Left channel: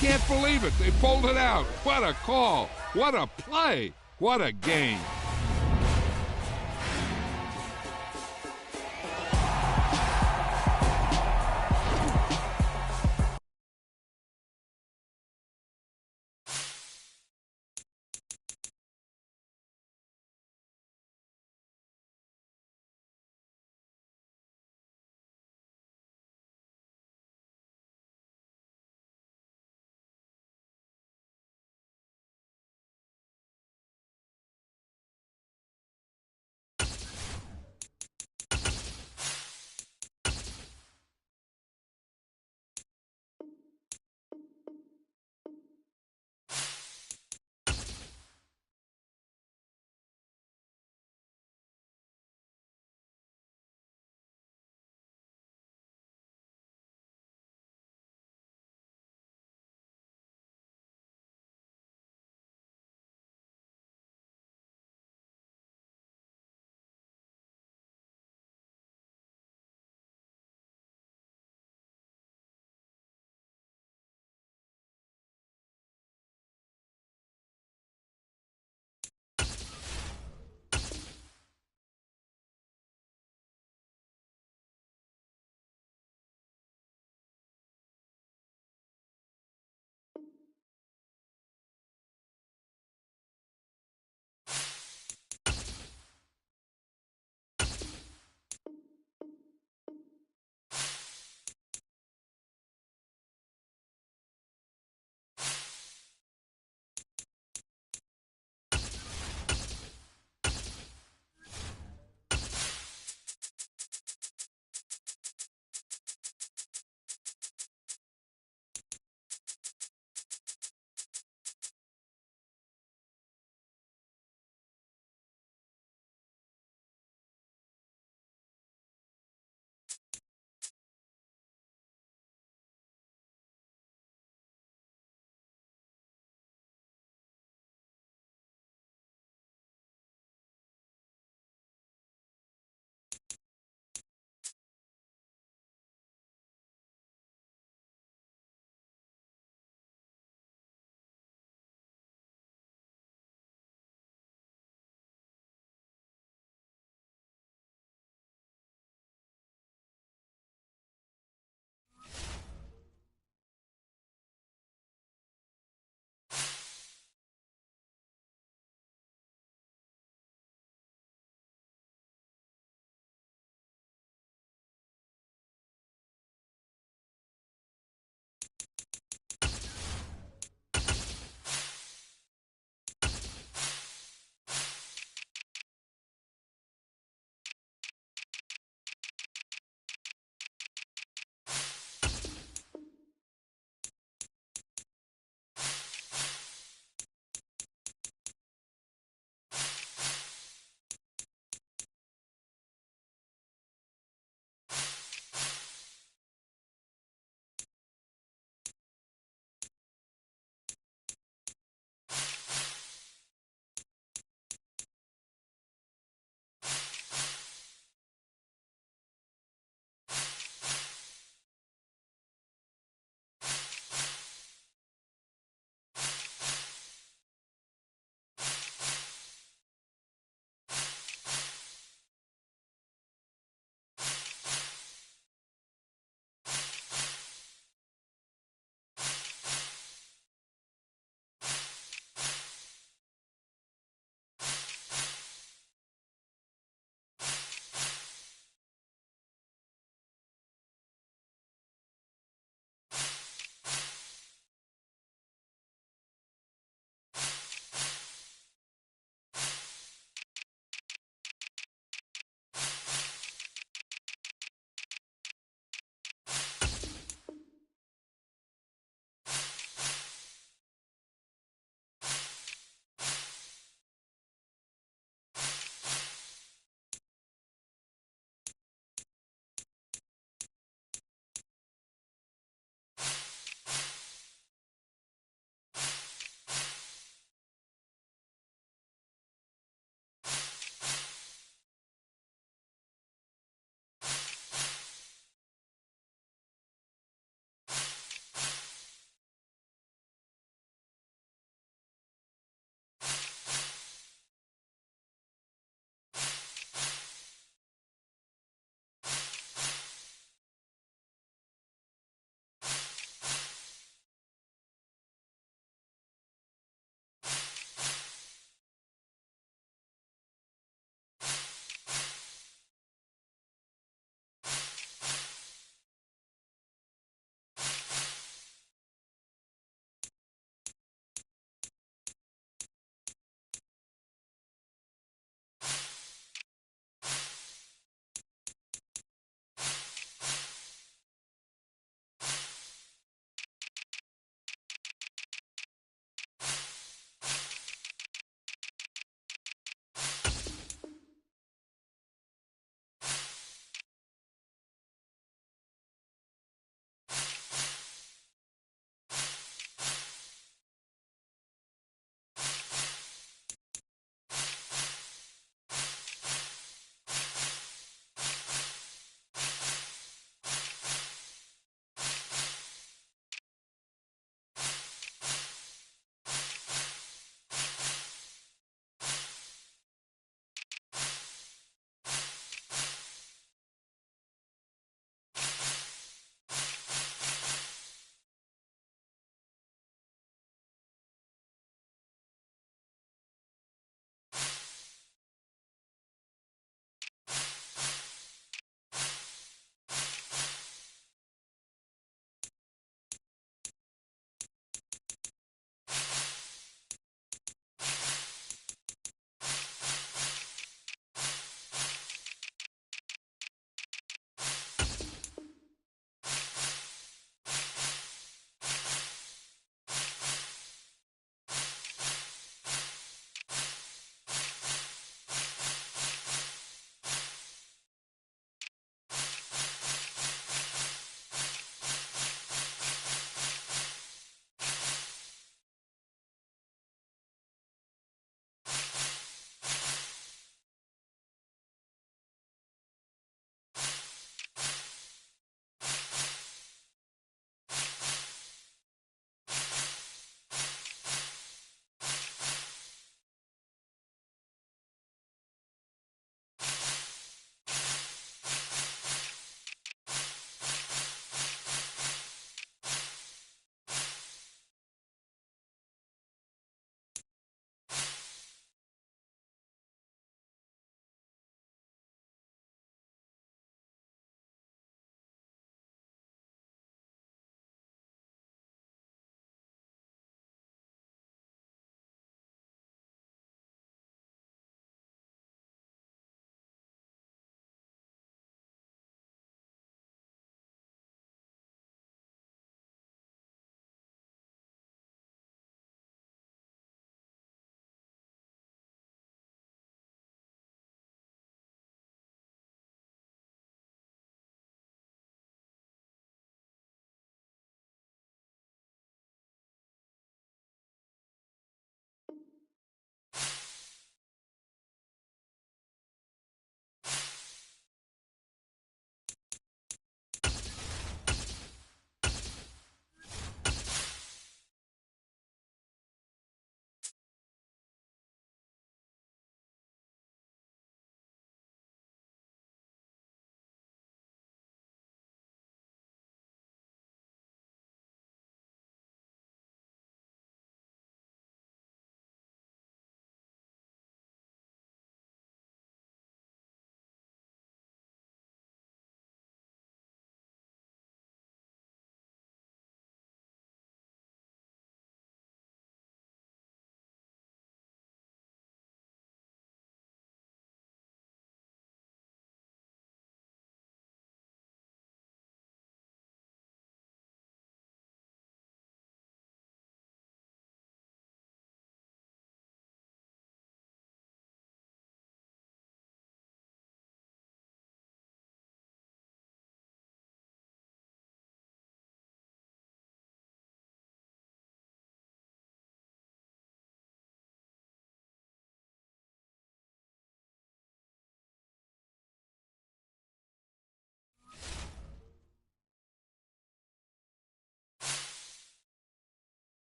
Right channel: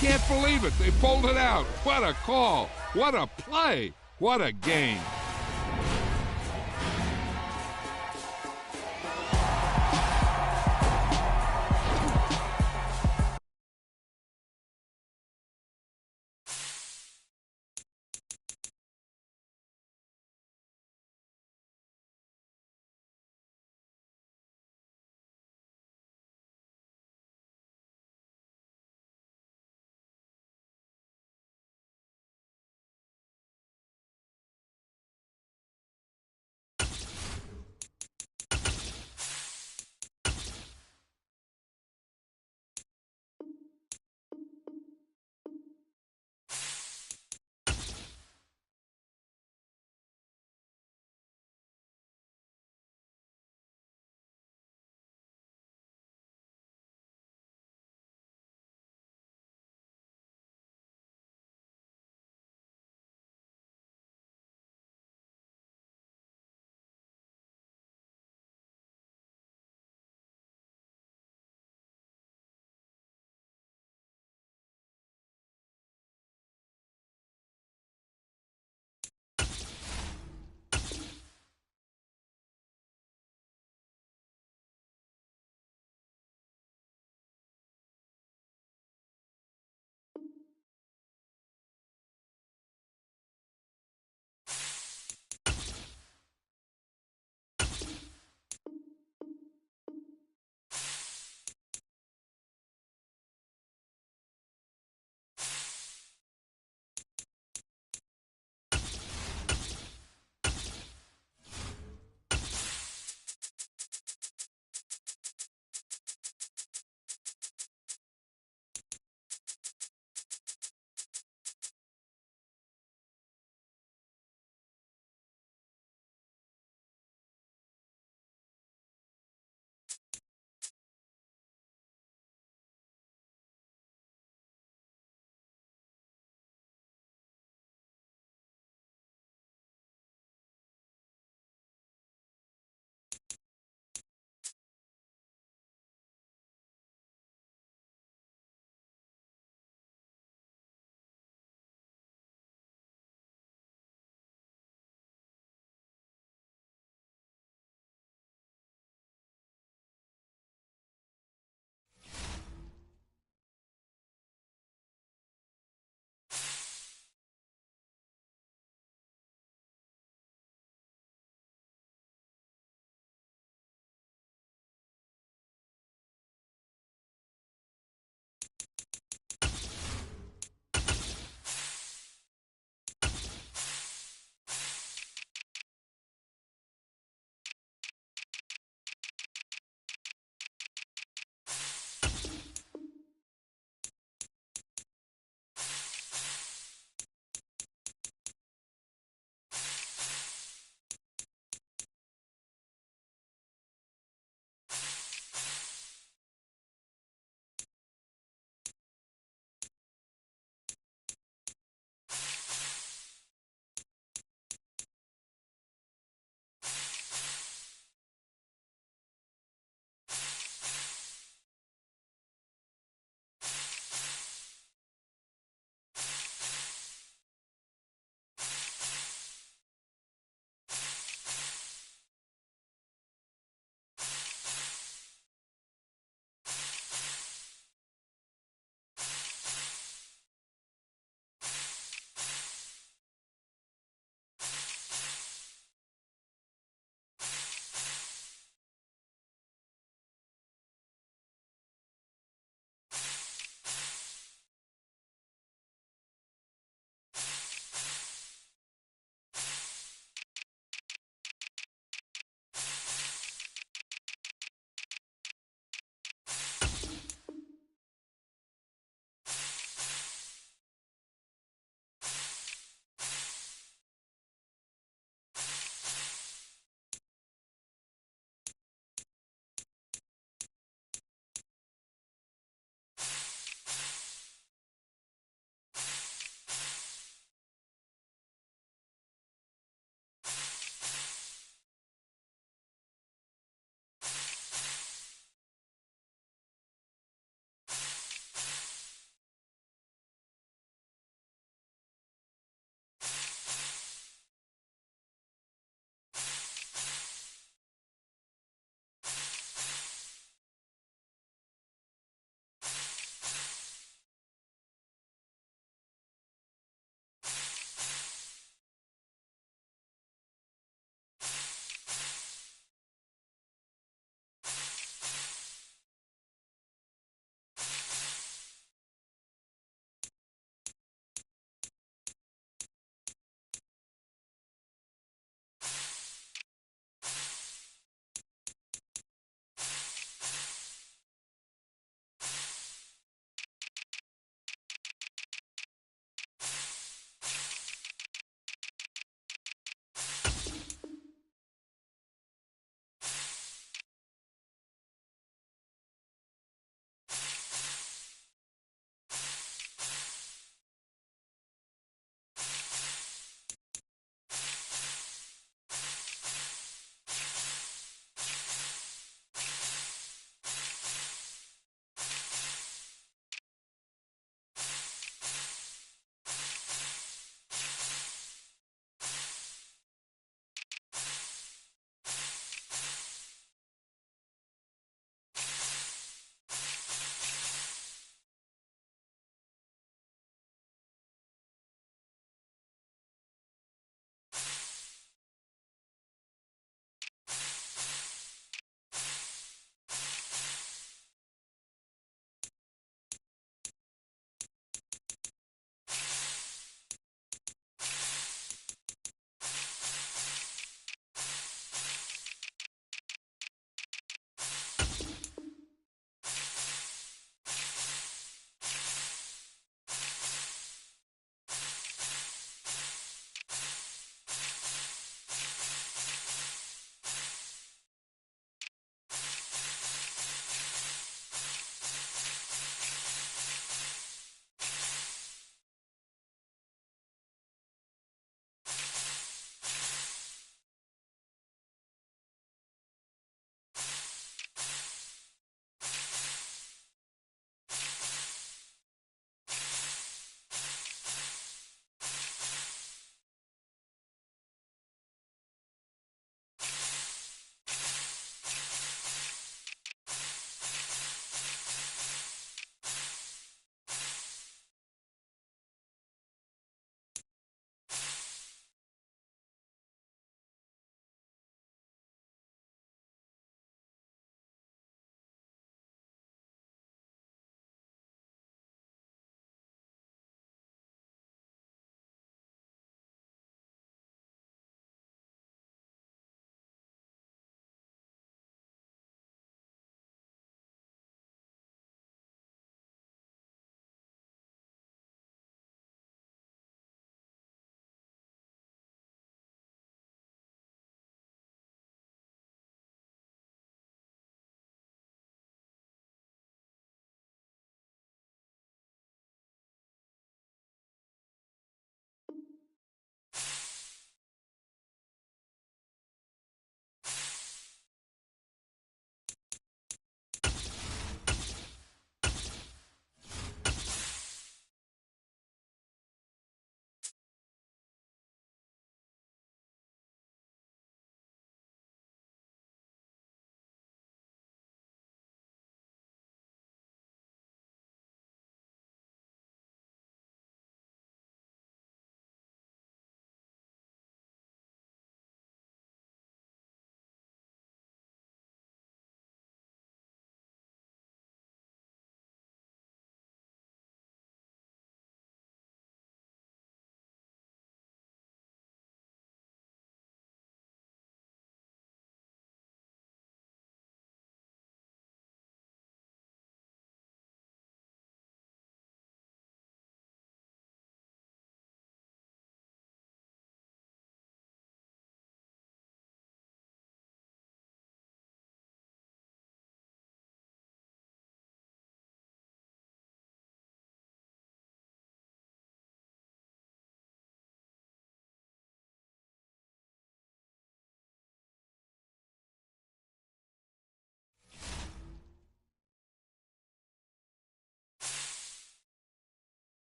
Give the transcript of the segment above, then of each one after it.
can't believe it. They pulled it out. What a call. What a play. What a game.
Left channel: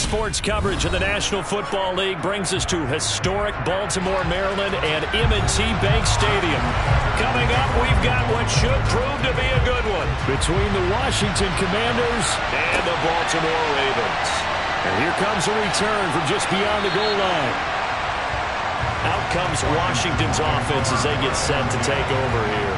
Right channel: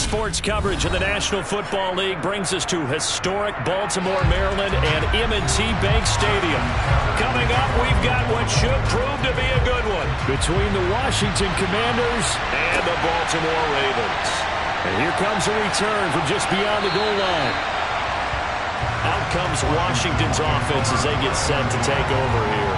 Sports coverage of the National Football League brings us to historic Baltimore, Maryland, and M&T Bank Stadium. Coming up, we've got what should prove to be a good one between the Washington Commanders and the Baltimore Ravens. And here comes a return from just beyond the goal line. Out comes Washington's offense as they get set to take over here.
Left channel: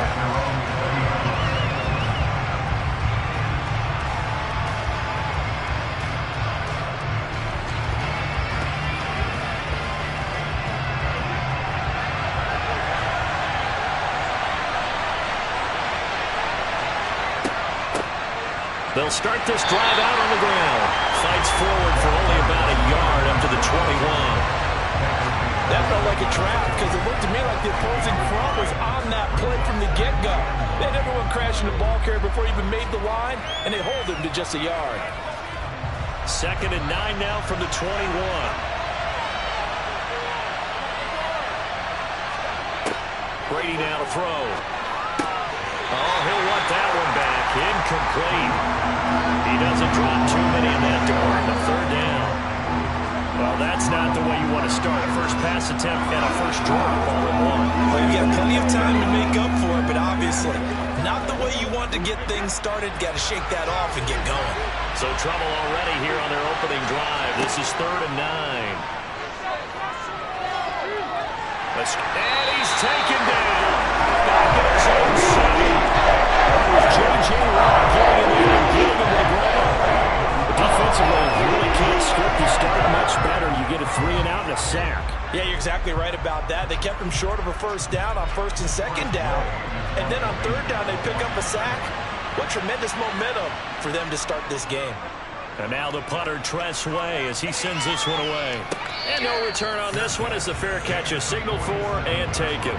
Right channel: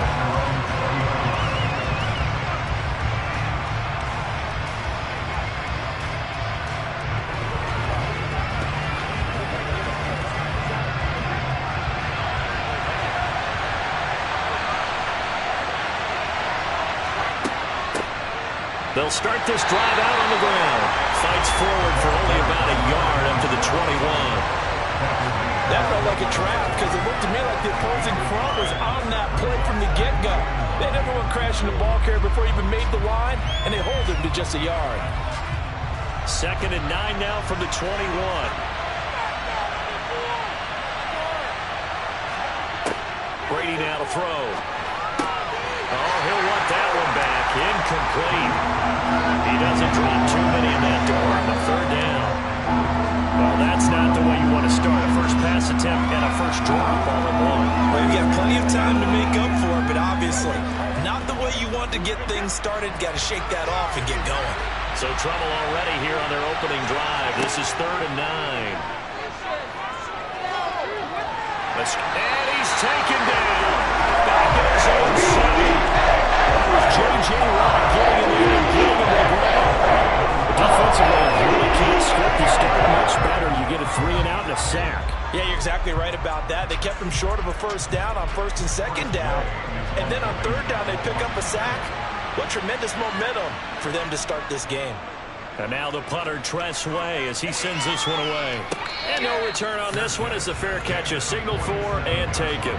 They'll start this drive out on the ground. Fights forward for only about a yard up to the 21. That felt like a trap because it looked to me like the opposing front was on that play from the get-go. They had everyone crashing the ball carrier before he even made the line, and they hold him to just a yard. 2nd and 9 now from the 21. Brady now to throw. Oh, he'll want that one back. Incomplete. He doesn't drop too many in that department. 3rd down. Well, that's not the way you want to start. A first pass attempt and a first drop all in one. Well, you've got plenty of time to make up for it, but obviously not the way you want to get things started. Got to shake that off and get going. So trouble already here on their opening drive. This is 3rd and 9. And he's taken down. Back in his own city. J.J. Watt getting in there and getting him the ground. The defensive line really can't script the start much better. You get a 3 and out and a sack. Yeah, you're exactly right about that. They kept him short of a first down on 1st and 2nd down. And then on 3rd down, they pick up a sack. What tremendous momentum for them to start this game. And now the punter, Tress Way, as he sends this one away. And no return on this one as the fair catch is signaled for and taken.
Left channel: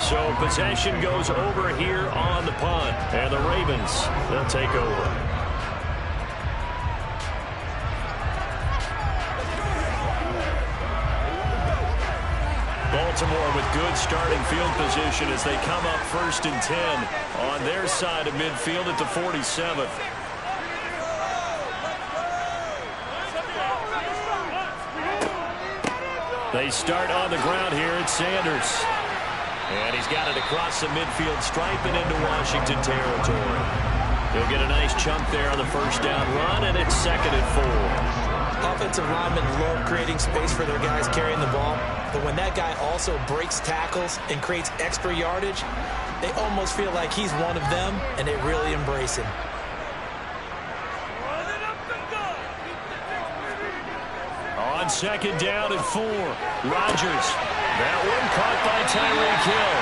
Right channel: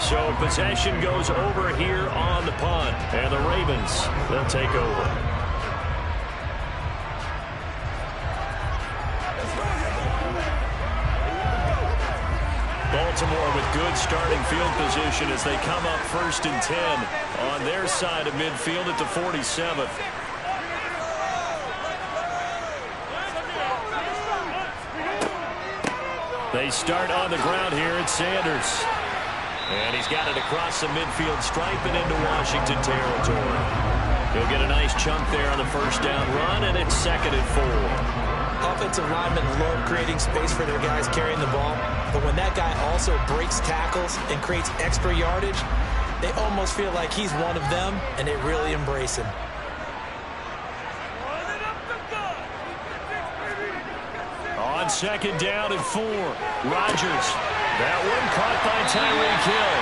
So possession goes over here on the punt. And the Ravens, they'll take over. Baltimore with good starting field position as they come up 1st and 10 on their side of midfield at the 47th. They start on the ground here at Sanders. And he's got it across the midfield stripe and into Washington territory. He'll get a nice chunk there on the first down run, and it's 2nd and 4. Offensive linemen love creating space for their guys carrying the ball. But when that guy also breaks tackles and creates extra yardage, they almost feel like he's one of them, and they really embrace him. On 2nd down and 4, Rodgers. That one caught by Tyreek Hill.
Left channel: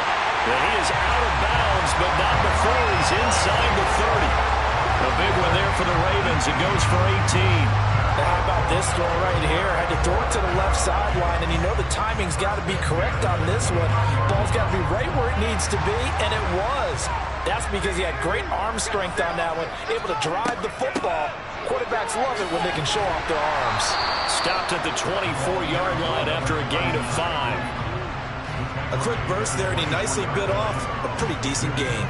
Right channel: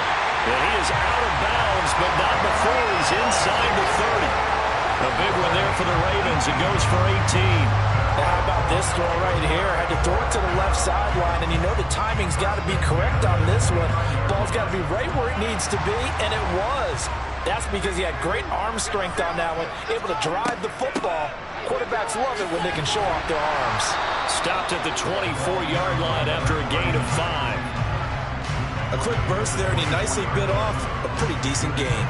And he is out of bounds, but not before he's inside the 30. A big one there for the Ravens. It goes for 18. Now, how about this throw right here? Had to throw it to the left sideline, and you know the timing's got to be correct on this one. Ball's got to be right where it needs to be, and it was. That's because he had great arm strength on that one, able to drive the football. Quarterbacks love it when they can show off their arms. Stopped at the 24-yard line after a gain of 5. A quick burst there, and he nicely bit off a pretty decent gain.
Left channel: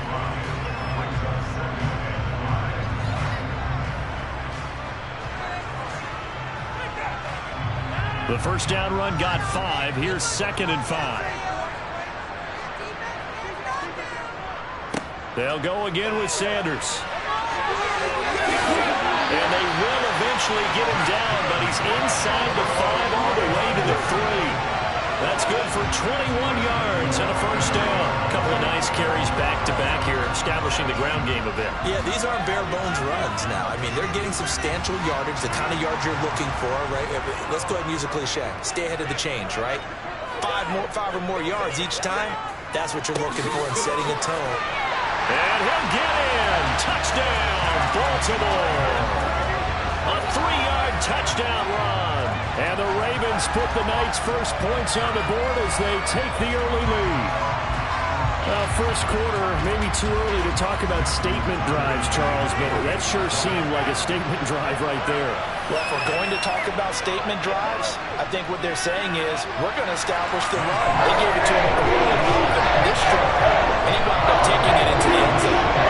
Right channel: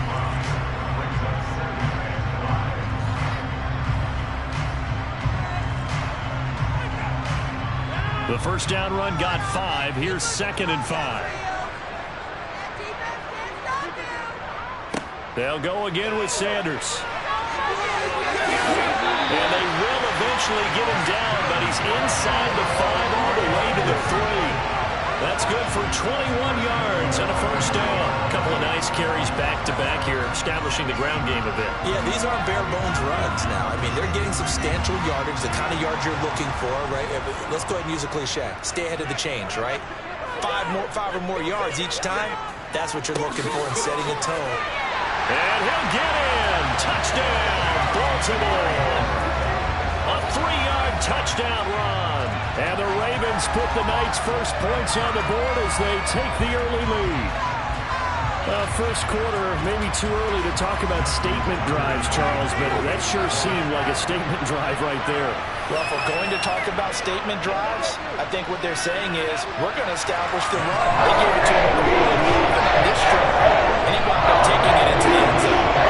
The first down run got 5. Here's 2nd and 5. They'll go again with Sanders. And they will eventually get him down, but he's inside the 5 all the way to the 3. That's good for 21 yards and a first down. A couple of nice carries back-to-back here, establishing the ground game a bit. Yeah, these aren't bare-bones runs now. I mean, they're getting substantial yardage, the kind of yards you're looking for, right? Let's go ahead and use a cliche. Stay ahead of the change, right? 5 or more yards each time, that's what you're looking for in setting a tone. And he'll get in. Touchdown, Baltimore. A 3-yard touchdown run. And the Ravens put the Knights' first points on the board as they take the early lead. First quarter, maybe too early to talk about statement drives, Charles, but that sure seemed like a statement drive right there. Well, if we're going to talk about statement drives, I think what they're saying is we're going to establish the run. They gave it to him on this drive, and he wound up taking it into the end zone.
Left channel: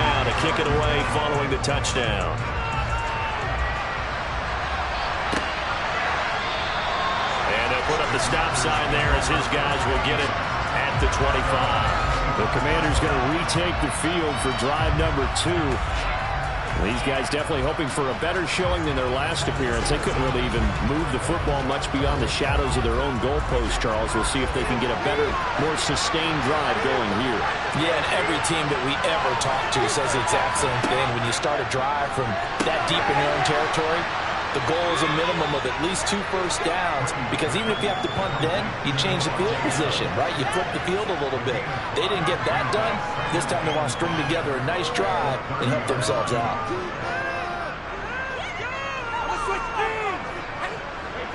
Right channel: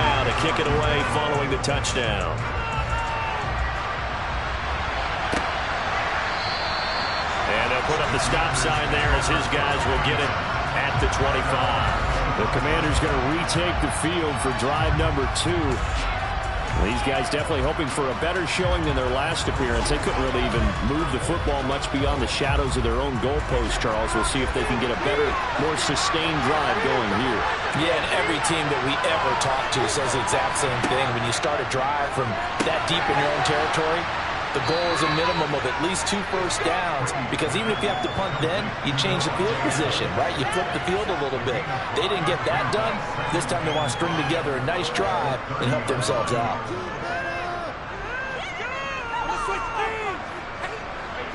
now to kick it away following the touchdown. And they'll put up the stop sign there as his guys will get it at the 25. The Commanders going to retake the field for drive number 2. These guys definitely hoping for a better showing than their last appearance. They couldn't really even move the football much beyond the shadows of their own goalpost, Charles. We'll see if they can get a better, more sustained drive going here. Yeah, and every team that we ever talk to says the exact same thing. When you start a drive from that deep in your own territory, the goal is a minimum of at least 2 first downs, because even if you have to punt then, you change the field position, right? You flip the field a little bit. They didn't get that done. This time they want to string together a nice drive and help themselves out.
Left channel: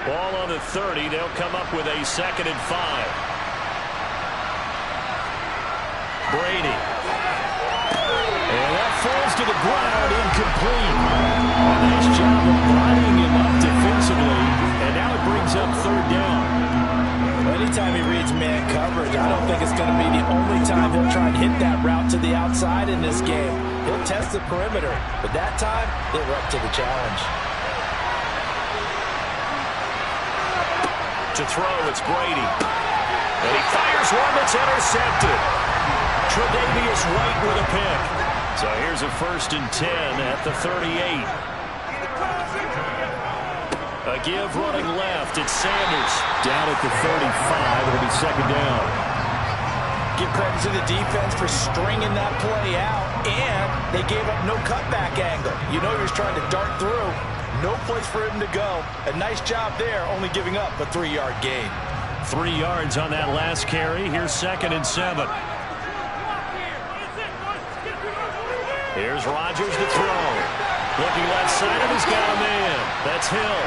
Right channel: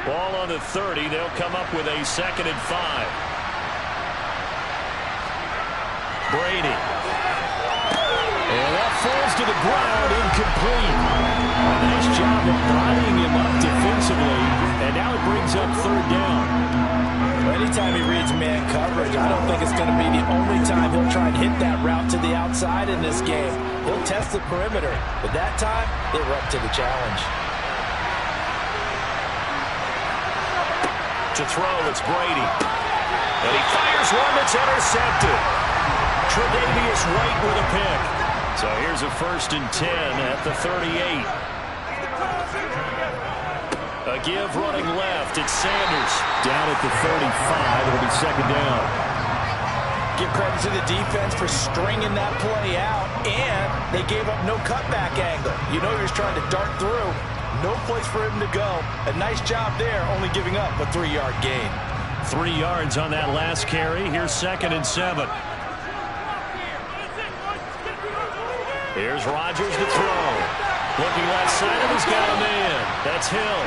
Ball on the 30. They'll come up with a 2nd and 5. Brady. And that falls to the ground, incomplete. A nice job of bodying him up defensively, and now it brings up 3rd down. Well, anytime he reads man coverage, I don't think it's going to be the only time he'll try and hit that route to the outside in this game. He'll test the perimeter, but that time, they were up to the challenge. To throw, it's Brady. And he fires one that's intercepted. Tre'Davious White with a pick. So here's a 1st and 10 at the 38. A give running left. It's Sanders. Down at the 35. It'll be 2nd down. Give credit to the defense for stringing that play out, and they gave up no cutback angle. You know he was trying to dart through. No place for him to go. A nice job there, only giving up a 3-yard gain. 3 yards on that last carry. Here's 2nd and 7. Here's Rodgers to throw. Looking left side, and he's got a man. That's Hill.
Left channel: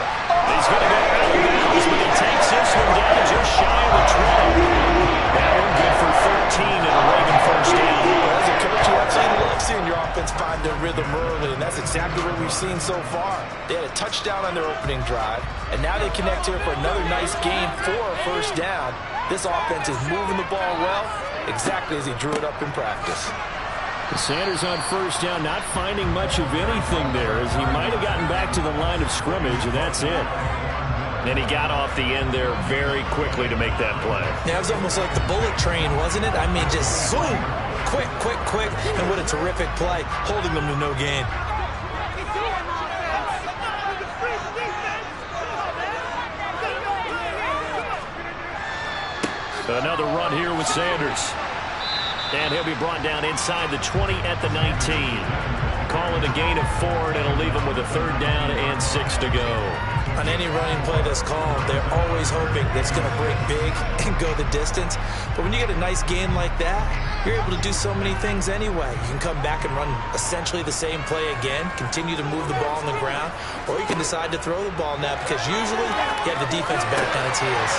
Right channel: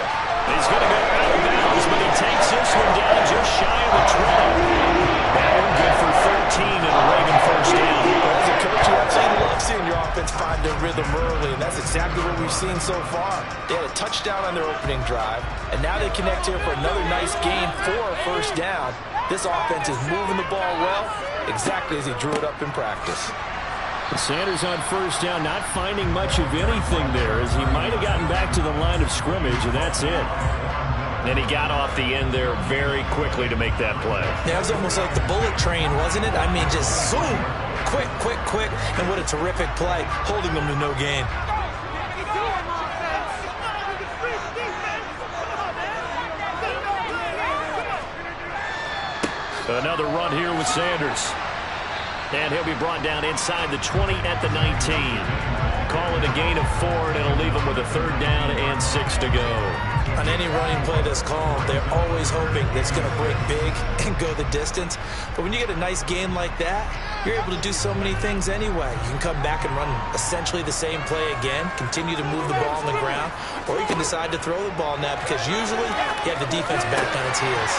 He's going to go out of bounds, but he takes this one down just shy of the 20. That one good for 13 and a Raven 1st down. Well, as a coach, you absolutely love seeing your offense find their rhythm early, and that's exactly what we've seen so far. They had a touchdown on their opening drive, and now they connect here for another nice gain for a 1st down. This offense is moving the ball well, exactly as he drew it up in practice. Sanders on 1st down, not finding much of anything there, as he might have gotten back to the line of scrimmage, and that's it. And he got off the end there very quickly to make that play. Yeah, it was almost like the bullet train, wasn't it? I mean, just zoom, quick, quick, quick, and what a terrific play, holding them to no gain. Another run here with Sanders. And he'll be brought down inside the 20 at the 19. Call it a gain of 4, and it'll leave him with a 3rd down and 6 to go. On any running play that's called, they're always hoping that it's going to break big and go the distance. But when you get a nice gain like that, you're able to do so many things anyway. You can come back and run essentially the same play again, continue to move the ball on the ground, or you can decide to throw the ball now, because usually you have the defense back on its heels.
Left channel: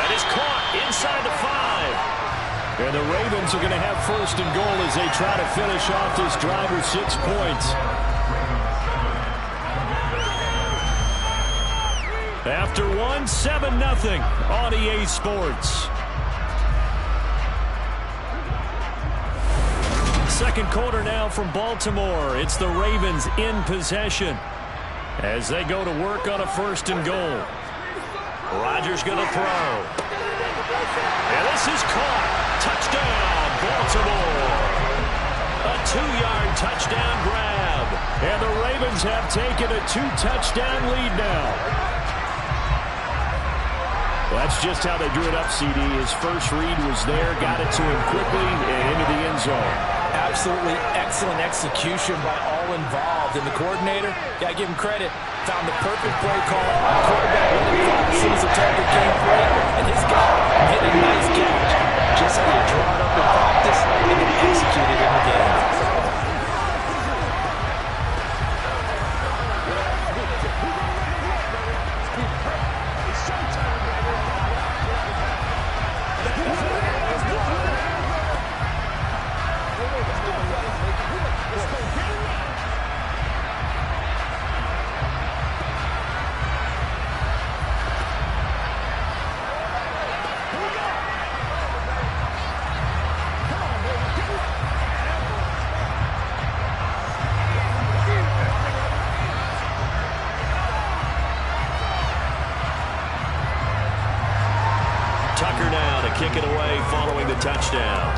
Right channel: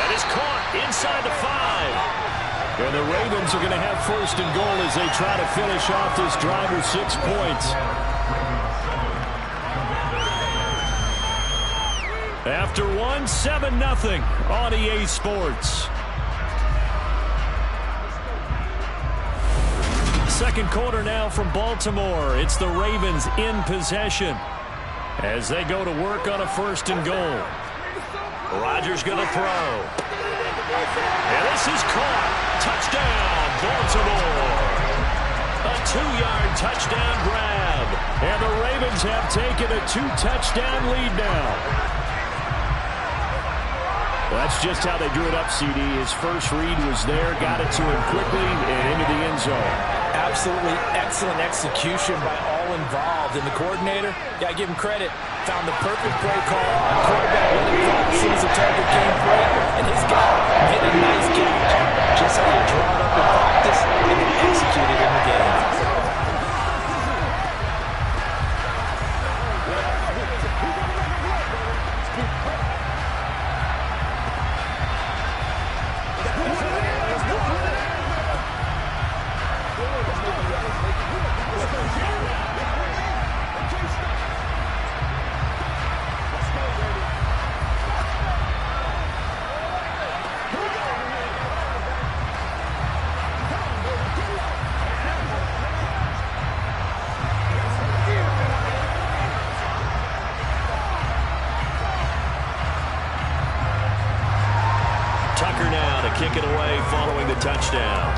That is caught inside the 5. And the Ravens are going to have 1st and goal as they try to finish off this drive with 6 points. After 1, 7-0 on EA Sports. 2nd quarter now from Baltimore. It's the Ravens in possession as they go to work on a 1st and goal. Rodgers going to throw. And this is caught. Touchdown, Baltimore. A 2-yard touchdown grab. And the Ravens have taken a 2-touchdown lead now. Well, that's just how they drew it up, CD. His first read was there, got it to him quickly, and into the end zone. Absolutely excellent execution by all involved. And the coordinator, got to give him credit, found the perfect play call. The quarterback went in front as soon as the target came free, and his guy hit a nice catch. Just how you draw it up in practice and then execute it in the game. take it away following the touchdown.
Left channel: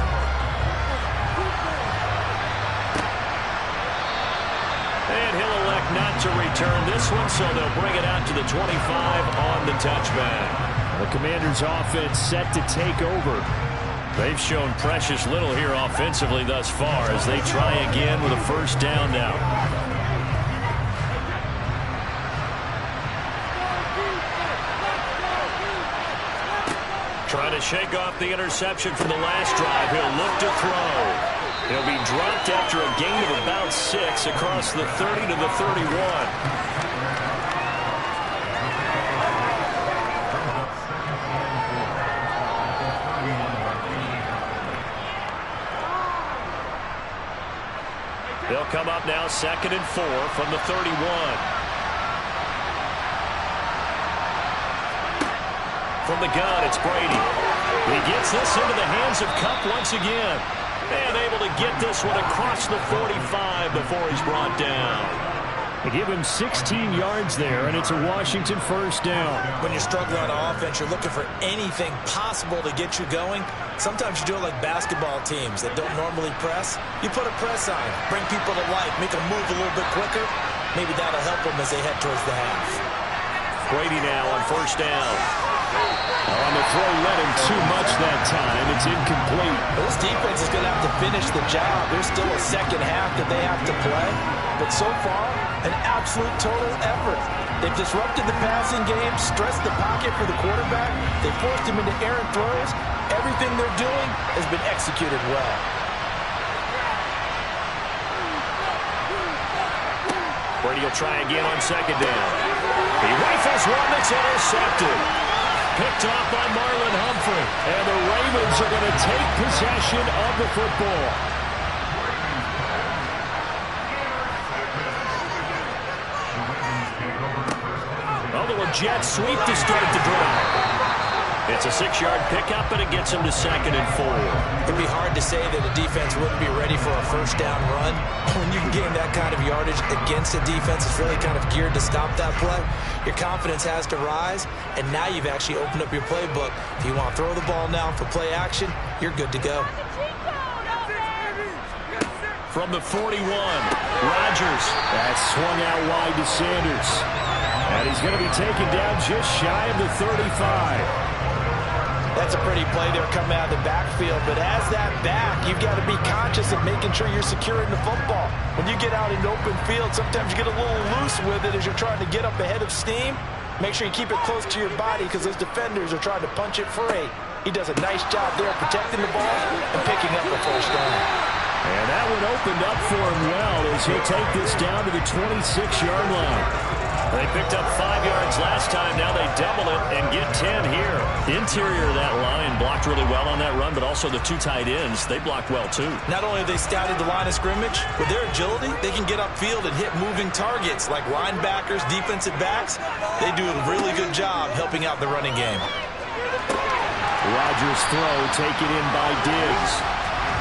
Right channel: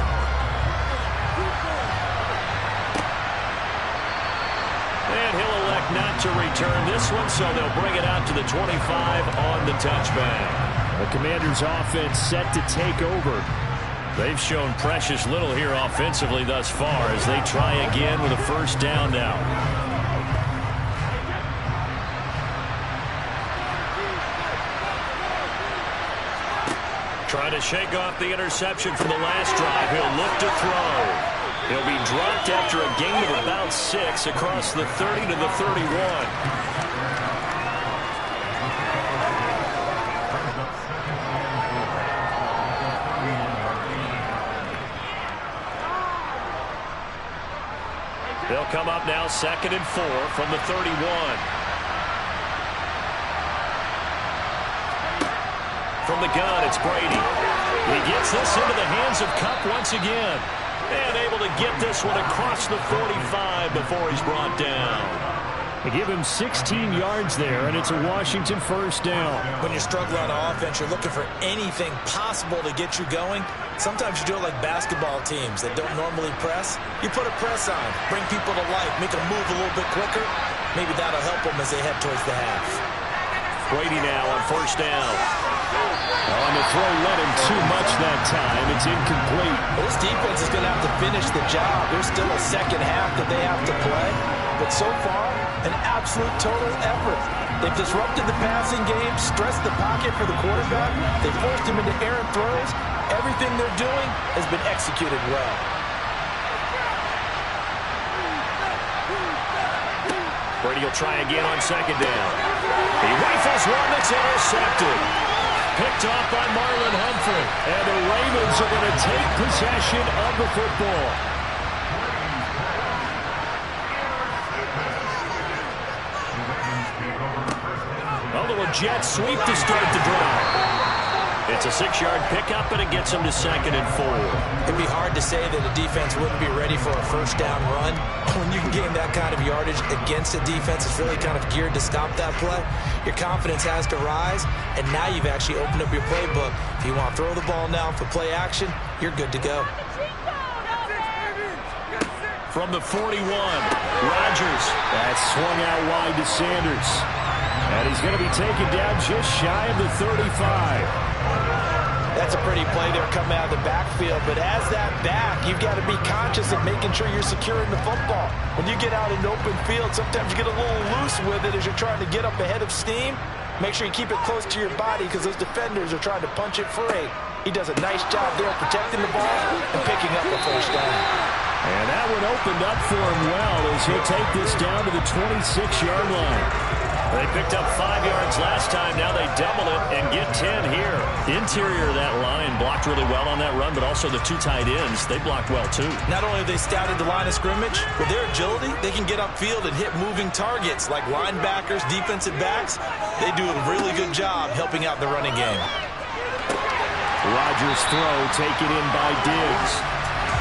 And he'll elect not to return this one, so they'll bring it out to the 25 on the touchback. The Commanders' offense set to take over. They've shown precious little here offensively thus far as they try again with a first down now. Trying to shake off the interception from the last drive. He'll look to throw. He'll be dropped after a gain of about 6 across the 30 to the 31. They'll come up now 2nd and 4 from the 31. From the gun, it's Brady. He gets this into the hands of Kupp once again. And able to get this one across the 45 before he's brought down. They give him 16 yards there, and it's a Washington first down. When you're struggling on offense, you're looking for anything possible to get you going. Sometimes you do it like basketball teams that don't normally press. You put a press on, bring people to life, make them move a little bit quicker. Maybe that'll help them as they head towards the half. Brady now on first down. Oh, and the throw led him too much that time. It's incomplete. Well, this defense is going to have to finish the job. There's still a second half that they have to play. But so far, an absolute total effort. They've disrupted the passing game, stressed the pocket for the quarterback. They forced him into errant throws. Everything they're doing has been executed well. Brady will try again on second down. He rifles one that's intercepted. Picked off by Marlon Humphrey. And the Ravens are going to take possession of the football. A little jet sweep to start the drive. It's a 6-yard pickup, and it gets him to 2nd and 4. It'd be hard to say that a defense wouldn't be ready for a first down run. When you can gain that kind of yardage against a defense that's really kind of geared to stop that play, your confidence has to rise, and now you've actually opened up your playbook. If you want to throw the ball now for play action, you're good to go. From the 41, Rodgers. That's swung out wide to Sanders. And he's going to be taken down just shy of the 35. That's a pretty play there coming out of the backfield, but as that back, you've got to be conscious of making sure you're securing the football. When you get out in open field, sometimes you get a little loose with it as you're trying to get up ahead of steam. Make sure you keep it close to your body because those defenders are trying to punch it free. He does a nice job there protecting the ball and picking up the first down. And that one opened up for him well as he'll take this down to the 26-yard line. They picked up 5 yards last time. Now they double it and get 10 here. The interior of that line blocked really well on that run, but also the 2 tight ends, they blocked well too. Not only have they scouted the line of scrimmage, with their agility, they can get upfield and hit moving targets like linebackers, defensive backs. They do a really good job helping out the running game. Rodgers' throw taken in by Diggs.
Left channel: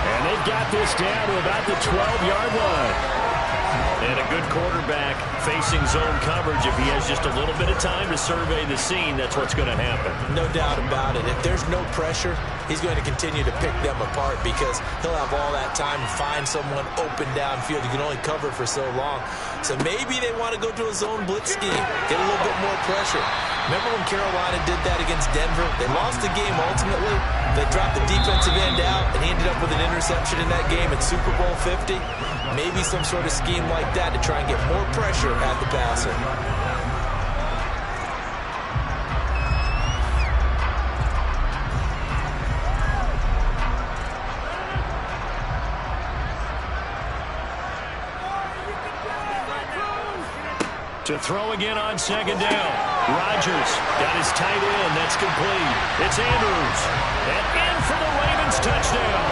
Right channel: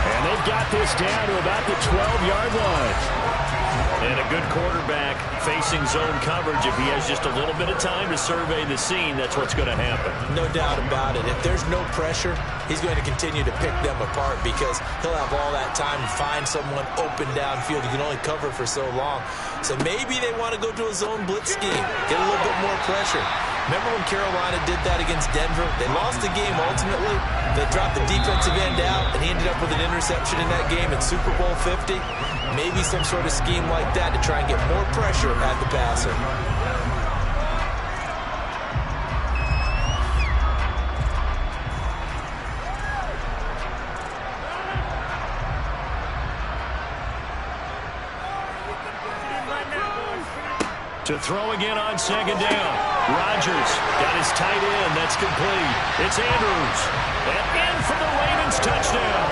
And they've got this down to about the 12-yard line. And a good quarterback facing zone coverage. If he has just a little bit of time to survey the scene, that's what's going to happen. No doubt about it. If there's no pressure, he's going to continue to pick them apart because he'll have all that time to find someone open downfield. You can only cover for so long. So maybe they want to go to a zone blitz scheme, get a little bit more pressure. Remember when Carolina did that against Denver? They lost the game ultimately. They dropped the defensive end out, and he ended up with an interception in that game in Super Bowl 50. Maybe some sort of scheme like that to try and get more pressure at the passer. To throw again on second down. Rodgers got his tight end. That's complete. It's Andrews. And in for the Ravens touchdown.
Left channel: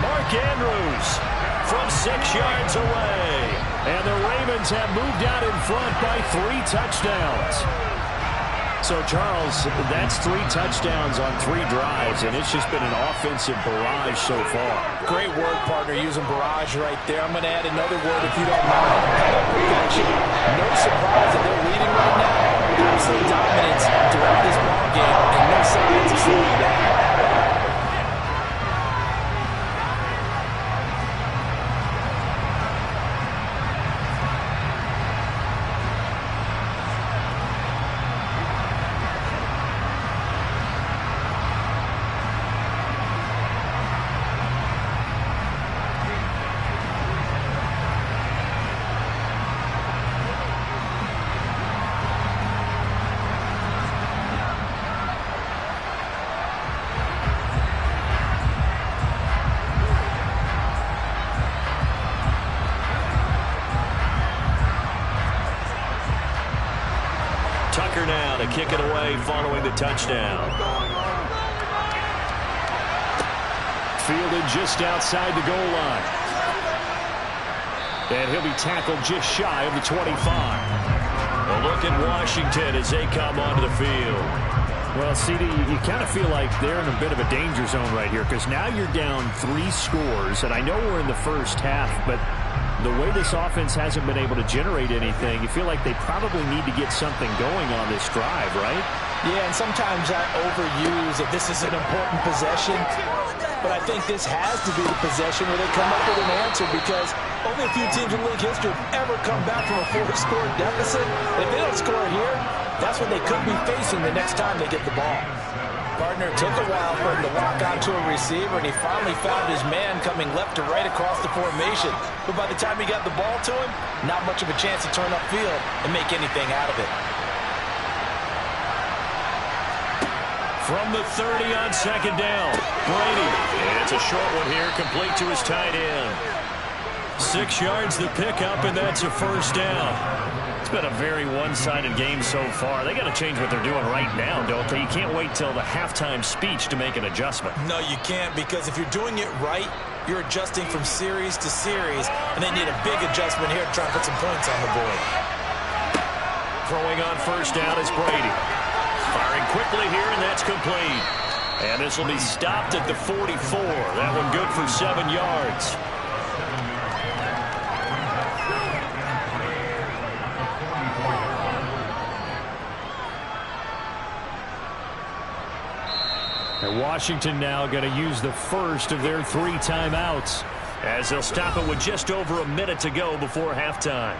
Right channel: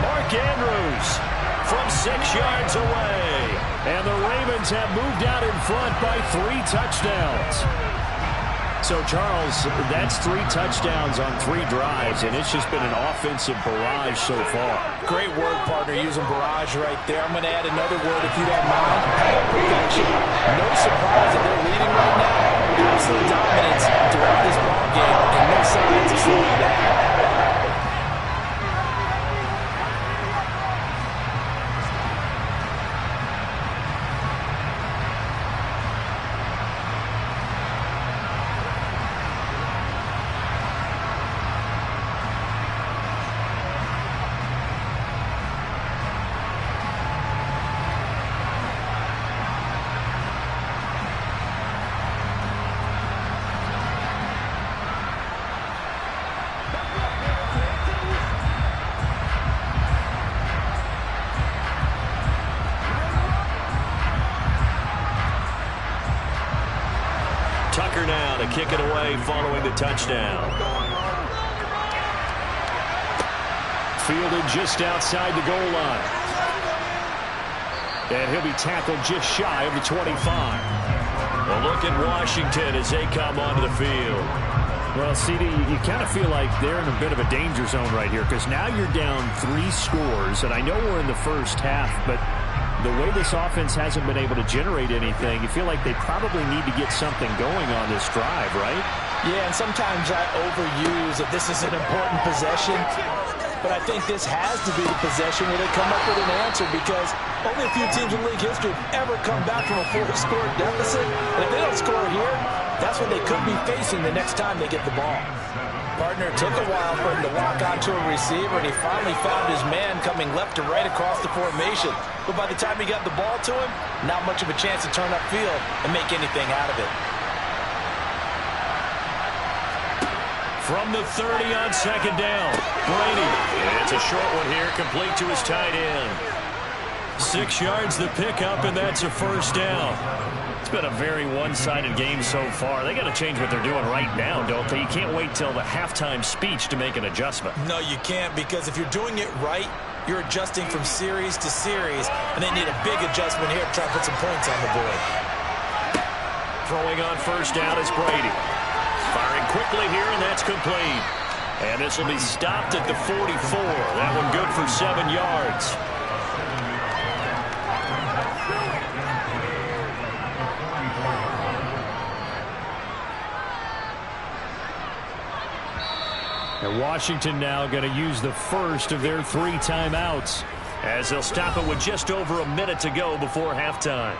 Mark Andrews from 6 yards away. And the Ravens have moved out in front by 3 touchdowns. So, Charles, that's 3 touchdowns on 3 drives, and it's just been an offensive barrage so far. Great word, partner, using barrage right there. I'm going to add another word if you don't mind. Production. No surprise that they're leading right now. Absolute dominance throughout this ball game, and no signs of slowing down. now to kick it away following the touchdown. Fielded just outside the goal line. And he'll be tackled just shy of the 25. A look at Washington as they come onto the field. Well, CD, you kind of feel like they're in a bit of a danger zone right here because now you're down 3 scores, and I know we're in the first half, but the way this offense hasn't been able to generate anything, you feel like they probably need to get something going on this drive, right? Yeah, and sometimes I overuse that this is an important possession, but I think this has to be the possession where they come up with an answer because only a few teams in league history have ever come back from a 4-score deficit, and if they don't score here, that's what they could be facing the next time they get the ball. Gardner took a while for him to lock onto a receiver, and he finally found his man coming left to right across the formation. But by the time he got the ball to him, not much of a chance to turn upfield and make anything out of it. From the 30 on second down, Brady. And it's a short one here, complete to his tight end. 6 yards the pickup, and that's a first down. It's been a very one-sided game so far. They got to change what they're doing right now, don't they? You can't wait till the halftime speech to make an adjustment. No, you can't, because if you're doing it right, you're adjusting from series to series, and they need a big adjustment here to try and put some points on the board. Throwing on first down is Brady. Firing quickly here, and that's complete. And this will be stopped at the 44. That one good for 7 yards. And Washington now going to use the first of their 3 timeouts, as they'll stop it with just over a minute to go before halftime.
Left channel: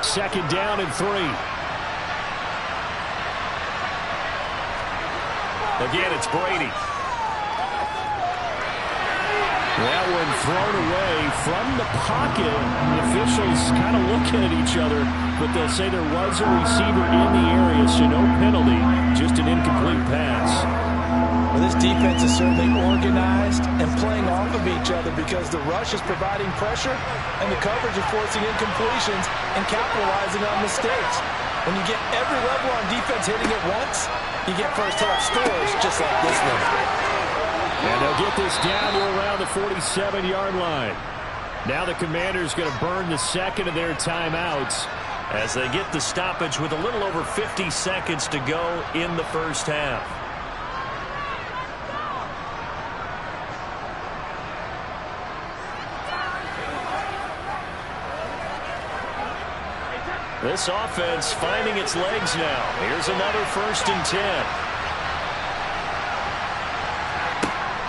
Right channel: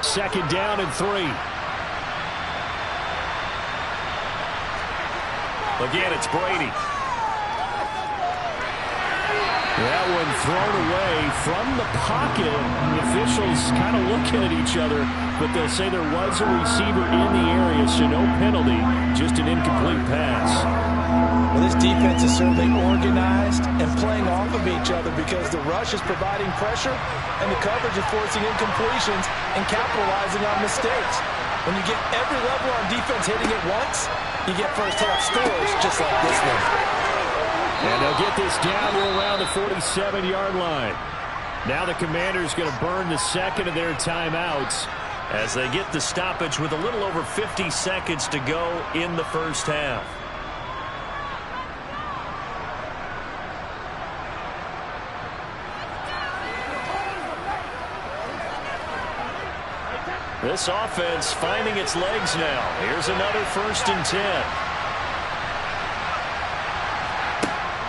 Second down and 3. Again, it's Brady. That one thrown away from the pocket. The officials kind of looking at each other, but they'll say there was a receiver in the area, so no penalty, just an incomplete pass. Well, this defense is certainly organized and playing off of each other because the rush is providing pressure and the coverage is forcing incompletions and capitalizing on mistakes. When you get every level on defense hitting it once, you get first-half scores just like this one. And they'll get this down to around the 47-yard line. Now the Commanders going to burn the second of their timeouts as they get the stoppage with a little over 50 seconds to go in the first half. This offense finding its legs now. Here's another 1st and 10.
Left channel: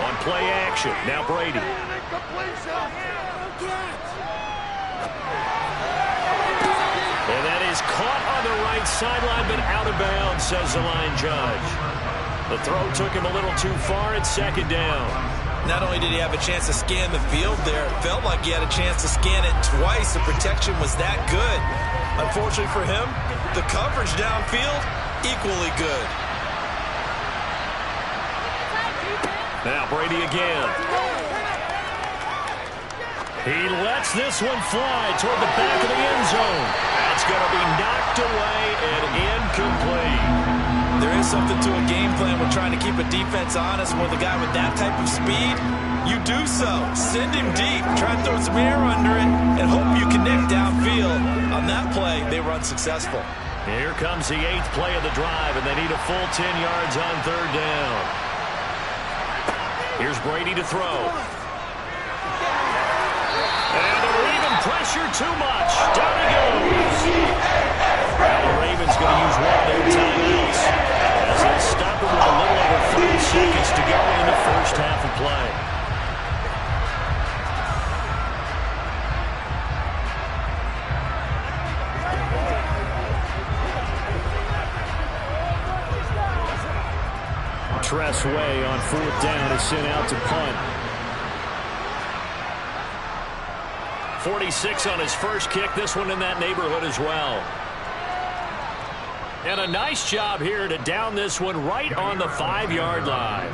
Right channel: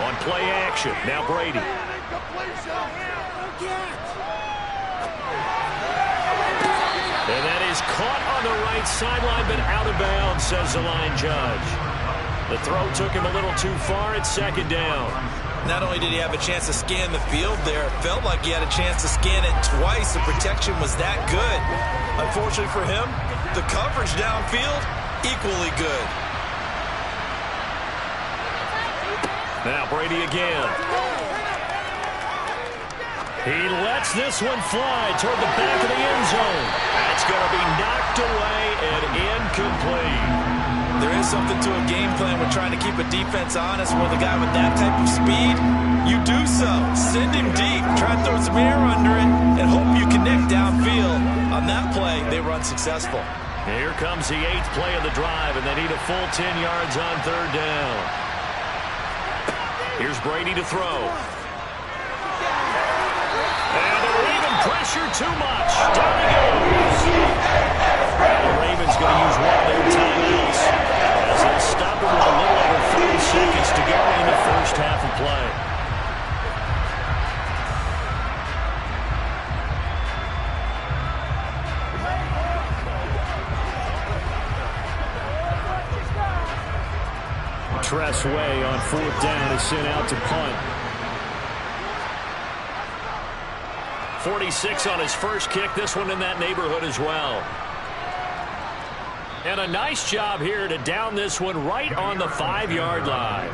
On play action, now Brady. And that is caught on the right sideline, but out of bounds, says the line judge. The throw took him a little too far at second down. Not only did he have a chance to scan the field there, it felt like he had a chance to scan it twice. The protection was that good. Unfortunately for him, the coverage downfield, equally good. Now Brady again. He lets this one fly toward the back of the end zone. That's going to be knocked away and incomplete. There is something to a game plan with trying to keep a defense honest with a guy with that type of speed. You do so. Send him deep. Try and throw some air under it and hope you connect downfield. On that play, they were unsuccessful. Here comes the 8th play of the drive, and they need a full 10 yards on 3rd down. Here's Brady to throw. And they were even pressure too much. Down he goes. Well, the Ravens going to use one of their timeouts as they'll stop it with a little over 30 seconds to go in the first half of play. Tress Way on 4th down is sent out to punt. 46 on his first kick. This one in that neighborhood as well. And a nice job here to down this one right on the 5-yard line.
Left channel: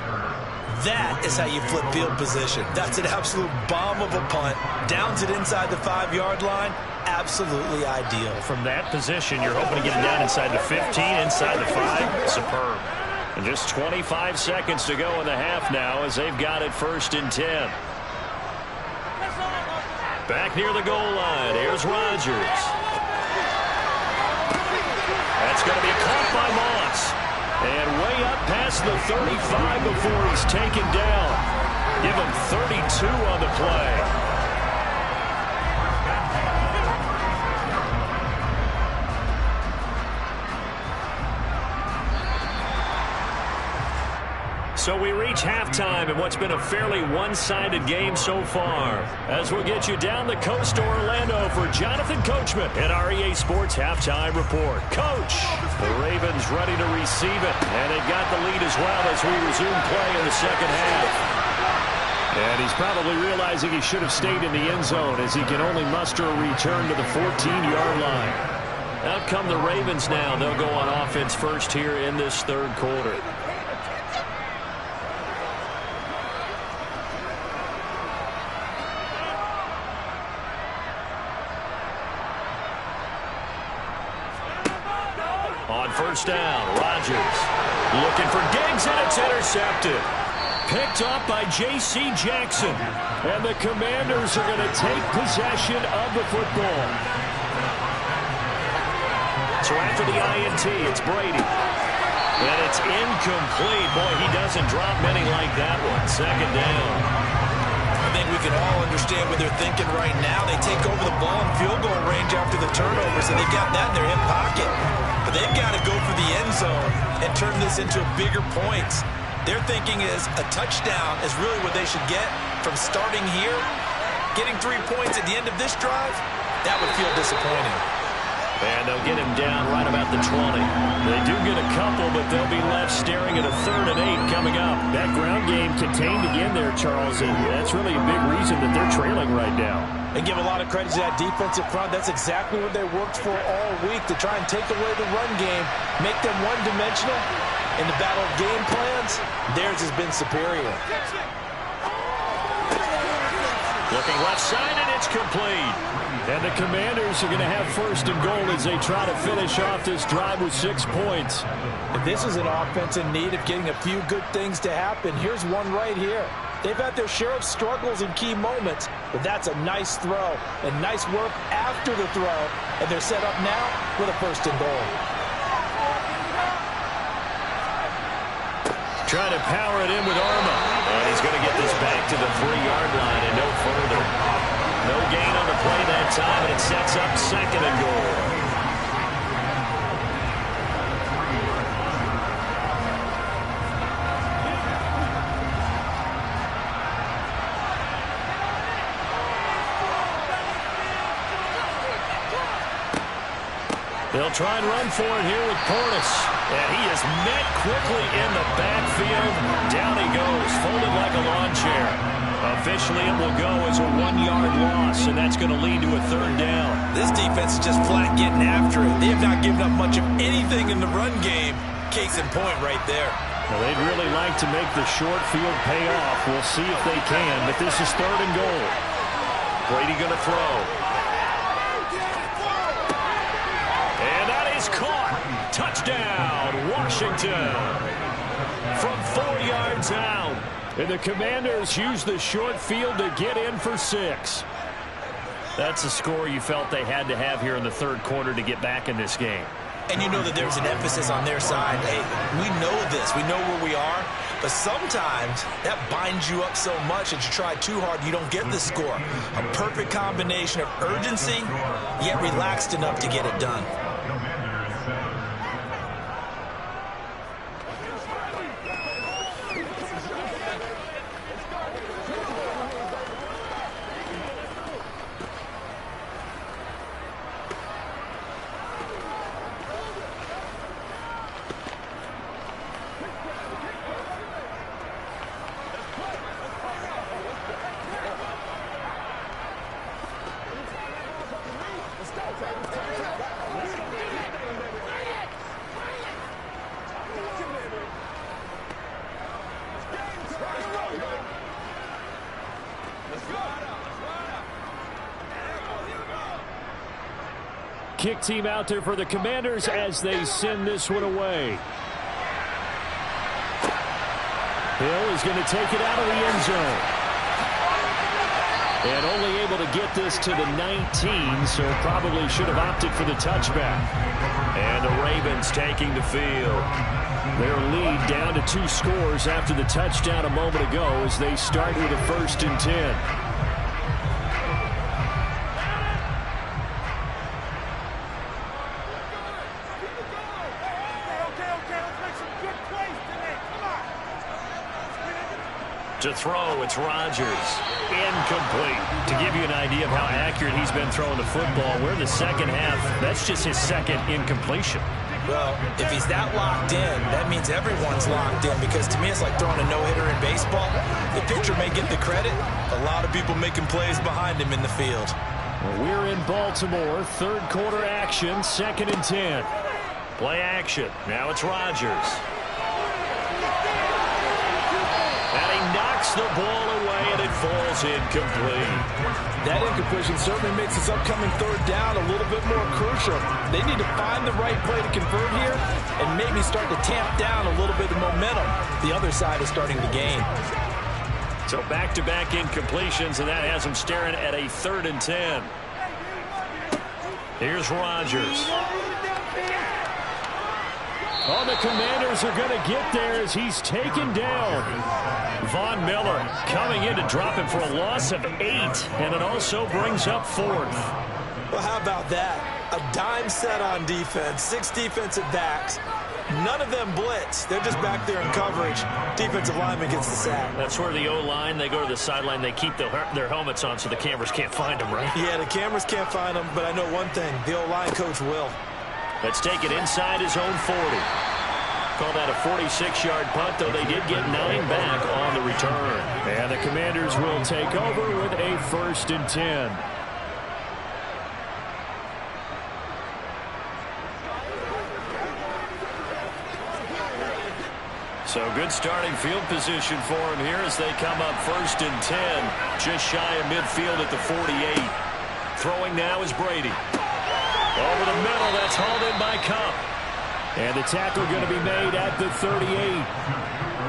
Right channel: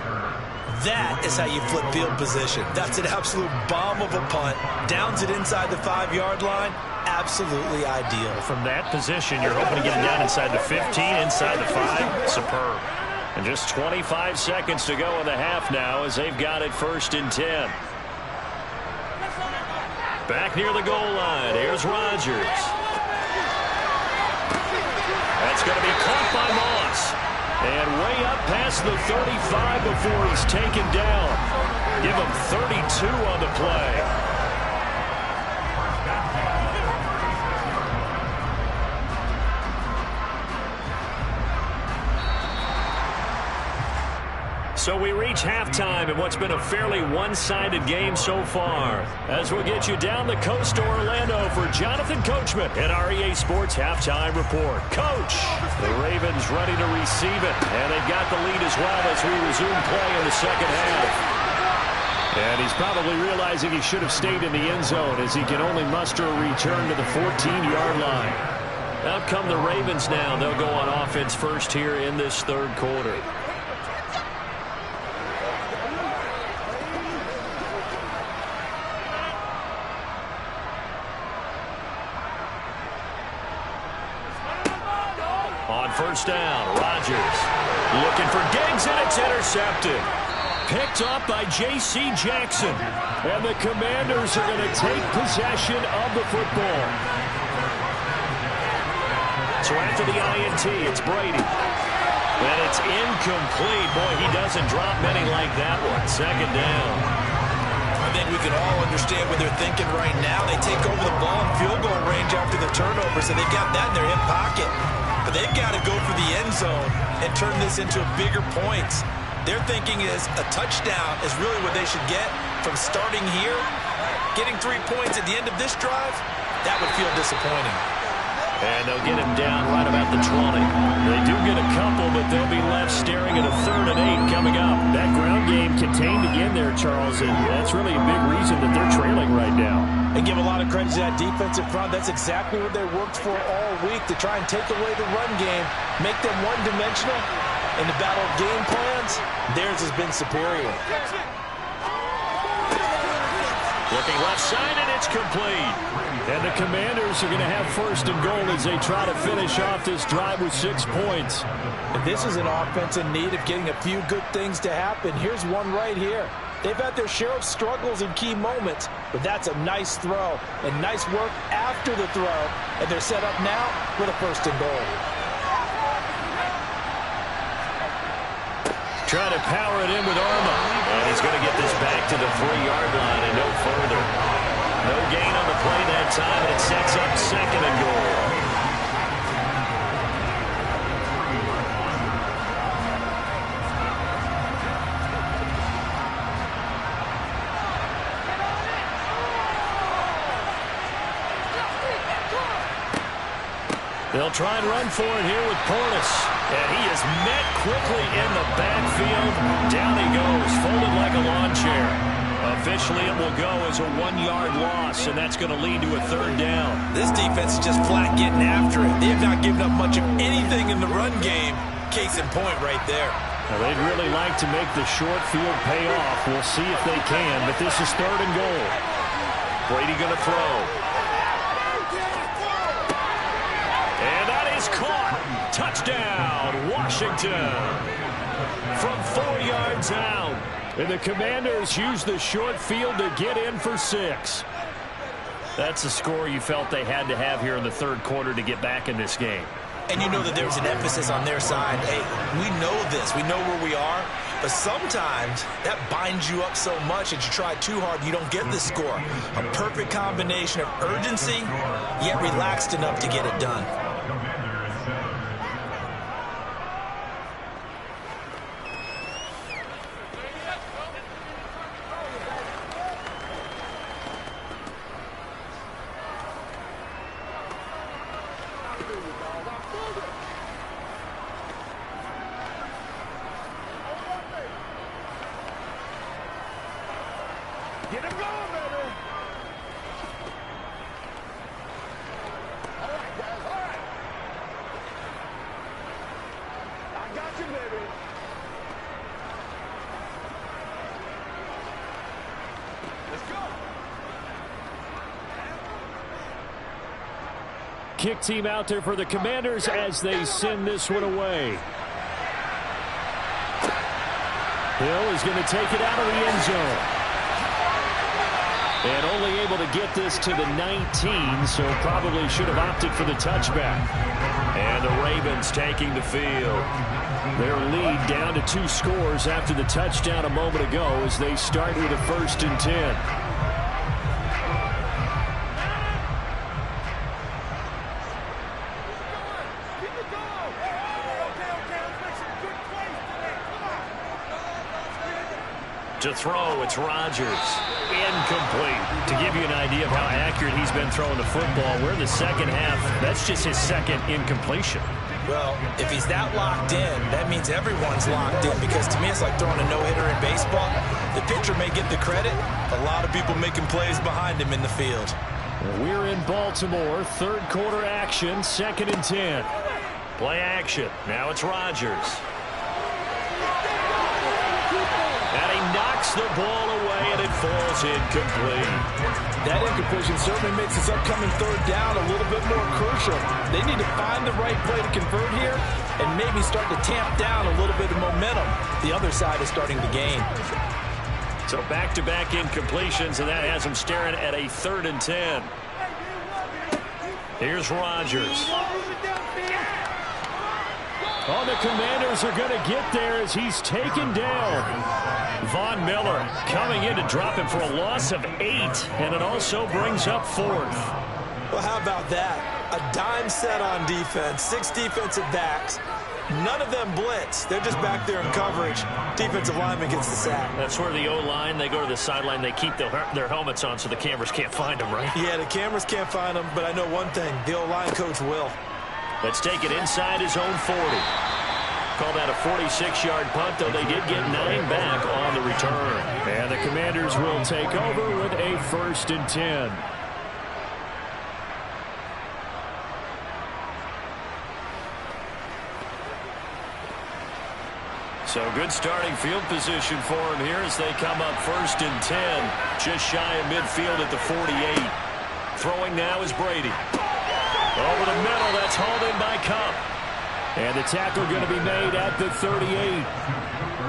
That is how you flip field position. That's an absolute bomb of a punt. Downs it inside the 5-yard line. Absolutely ideal. From that position, you're hoping to get it down inside the 15, inside the 5. Superb. And just 25 seconds to go in the half now as they've got it 1st and 10. Back near the goal line. Here's Rodgers. That's going to be caught by Moss. And way up past the 35 before he's taken down. Give him 32 on the play. So we reach halftime in what's been a fairly one-sided game so far. As we'll get you down the coast to Orlando for Jonathan Coachman at our EA Sports Halftime Report. Coach, the Ravens ready to receive it, and they've got the lead as well as we resume play in the second half. And he's probably realizing he should have stayed in the end zone as he can only muster a return to the 14-yard line. Out come the Ravens now. They'll go on offense first here in this 3rd quarter. On 1st down, Rodgers looking for Diggs, and it's intercepted. Picked off by J.C. Jackson. And the Commanders are going to take possession of the football. So after the INT, it's Brady. And it's incomplete. Boy, he doesn't drop many like that one. 2nd down. I think we can all understand what they're thinking right now. They take over the ball in field goal range after the turnover, so they've got that in their hip pocket. But they've got to go for the end zone and turn this into bigger points. Their thinking is a touchdown is really what they should get from starting here. Getting 3 points at the end of this drive, that would feel disappointing. And they'll get him down right about the 20. They do get a couple, but they'll be left staring at a 3rd and 8 coming up. That ground game contained again there, Charles, and that's really a big reason that they're trailing right now. And give a lot of credit to that defensive front. That's exactly what they worked for all week, to try and take away the run game, make them one-dimensional. In the battle of game plans, theirs has been superior. Looking left side, and it's complete. And the Commanders are going to have 1st and goal as they try to finish off this drive with 6 points. If this is an offense in need of getting a few good things to happen, here's one right here. They've had their share of struggles in key moments, but that's a nice throw and nice work after the throw. And they're set up now with a 1st and goal. Trying to power it in with Arma. And he's going to get this back to the 3-yard line and no further. No gain on the play that time, and it sets up 2nd and goal. They'll try and run for it here with Portis. And he is met quickly in the backfield. Down he goes, folded like a lawn chair. Officially, it will go as a 1-yard loss, and that's going to lead to a 3rd down. This defense is just flat getting after it. They have not given up much of anything in the run game. Case in point right there. Now, they'd really like to make the short field pay off. We'll see if they can, but this is 3rd and goal. Brady going to throw. And that is caught. Touchdown, Washington. From 4 yards out. And the Commanders use the short field to get in for 6. That's a score you felt they had to have here in the 3rd quarter to get back in this game. And you know that there's an emphasis on their side. Hey, we know this. We know where we are. But sometimes that binds you up so much that you try too hard, you don't get the score. A perfect combination of urgency, yet relaxed enough to get it done. Kick team out there for the Commanders as they send this one away. Hill is going to take it out of the end zone. And only able to get this to the 19, so probably should have opted for the touchback. And the Ravens taking the field. Their lead down to 2 scores after the touchdown a moment ago as they start with a 1st and 10. To throw, it's Rodgers. Incomplete. To give you an idea of how accurate he's been throwing the football, we're in the second half. That's just his 2nd incompletion. Well, if he's that locked in, that means everyone's locked in, because to me it's like throwing a no-hitter in baseball. The pitcher may get the credit. A lot of people making plays behind him in the field. Well, we're in Baltimore. 3rd quarter action, 2nd and 10. Play action. Now it's Rodgers. And he knocks the ball away, and it falls incomplete. That incompletion certainly makes this upcoming 3rd down a little bit more crucial. They need to find the right play to convert here and maybe start to tamp down a little bit of momentum. The other side is starting to gain. So back-to-back incompletions, and that has them staring at a 3rd and 10. Here's Rodgers. Oh, the Commanders are going to get there as he's taken down. Von Miller coming in to drop him for a loss of 8, and it also brings up 4th. Well, how about that? A dime set on defense, 6 defensive backs. None of them blitz. They're just back there in coverage. Defensive lineman gets the sack. That's where the O-line, they go to the sideline, they keep their helmets on so the cameras can't find them, right? Yeah, the cameras can't find them, but I know one thing. The O-line coach will. Let's take it inside his own 40. Call that a 46-yard punt, though they did get 9 back on the return. And the Commanders will take over with a 1st and 10. So good starting field position for him here as they come up 1st and 10. Just shy of midfield at the 48. Throwing now is Brady. Over the middle, that's hauled in by Cup. And the tackle going to be made at the 38.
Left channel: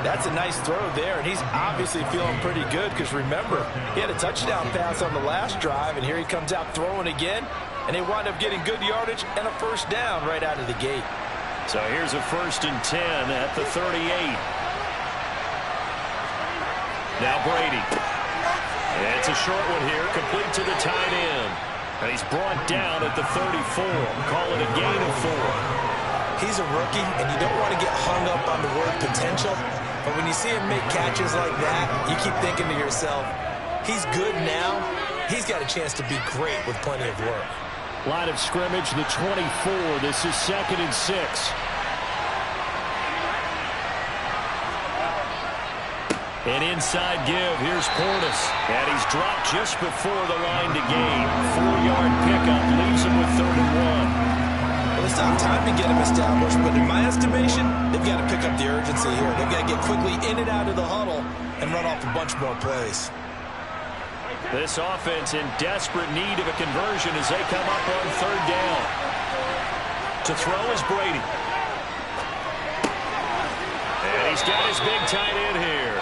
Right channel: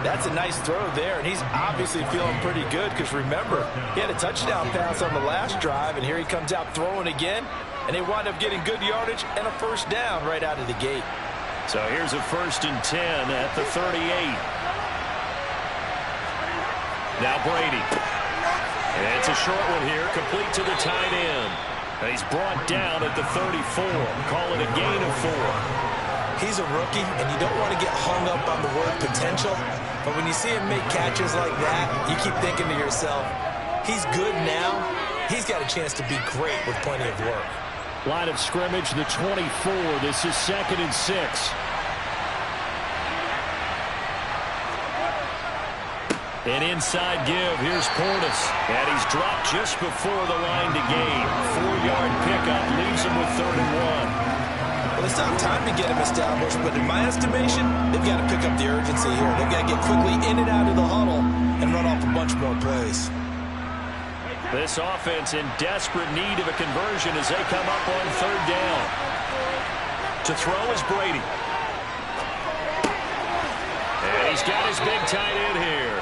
That's a nice throw there, and he's obviously feeling pretty good because, remember, he had a touchdown pass on the last drive, and here he comes out throwing again, and they wind up getting good yardage and a 1st down right out of the gate. So here's a 1st and 10 at the 38. Now Brady. And it's a short one here, complete to the tight end. And he's brought down at the 34. Call it a gain of 4. He's a rookie, and you don't want to get hung up on the word potential. But when you see him make catches like that, you keep thinking to yourself, he's good now. He's got a chance to be great with plenty of work. Line of scrimmage, the 24. This is 2nd and 6. An inside give. Here's Portis. And he's dropped just before the line to gain. 4-yard pickup leaves him with 3rd and 1. Well, they still have time to get him established, but in my estimation, they've got to pick up the urgency here. They've got to get quickly in and out of the huddle and run off a bunch more plays. This offense in desperate need of a conversion as they come up on 3rd down. To throw is Brady. And he's got his big tight end here.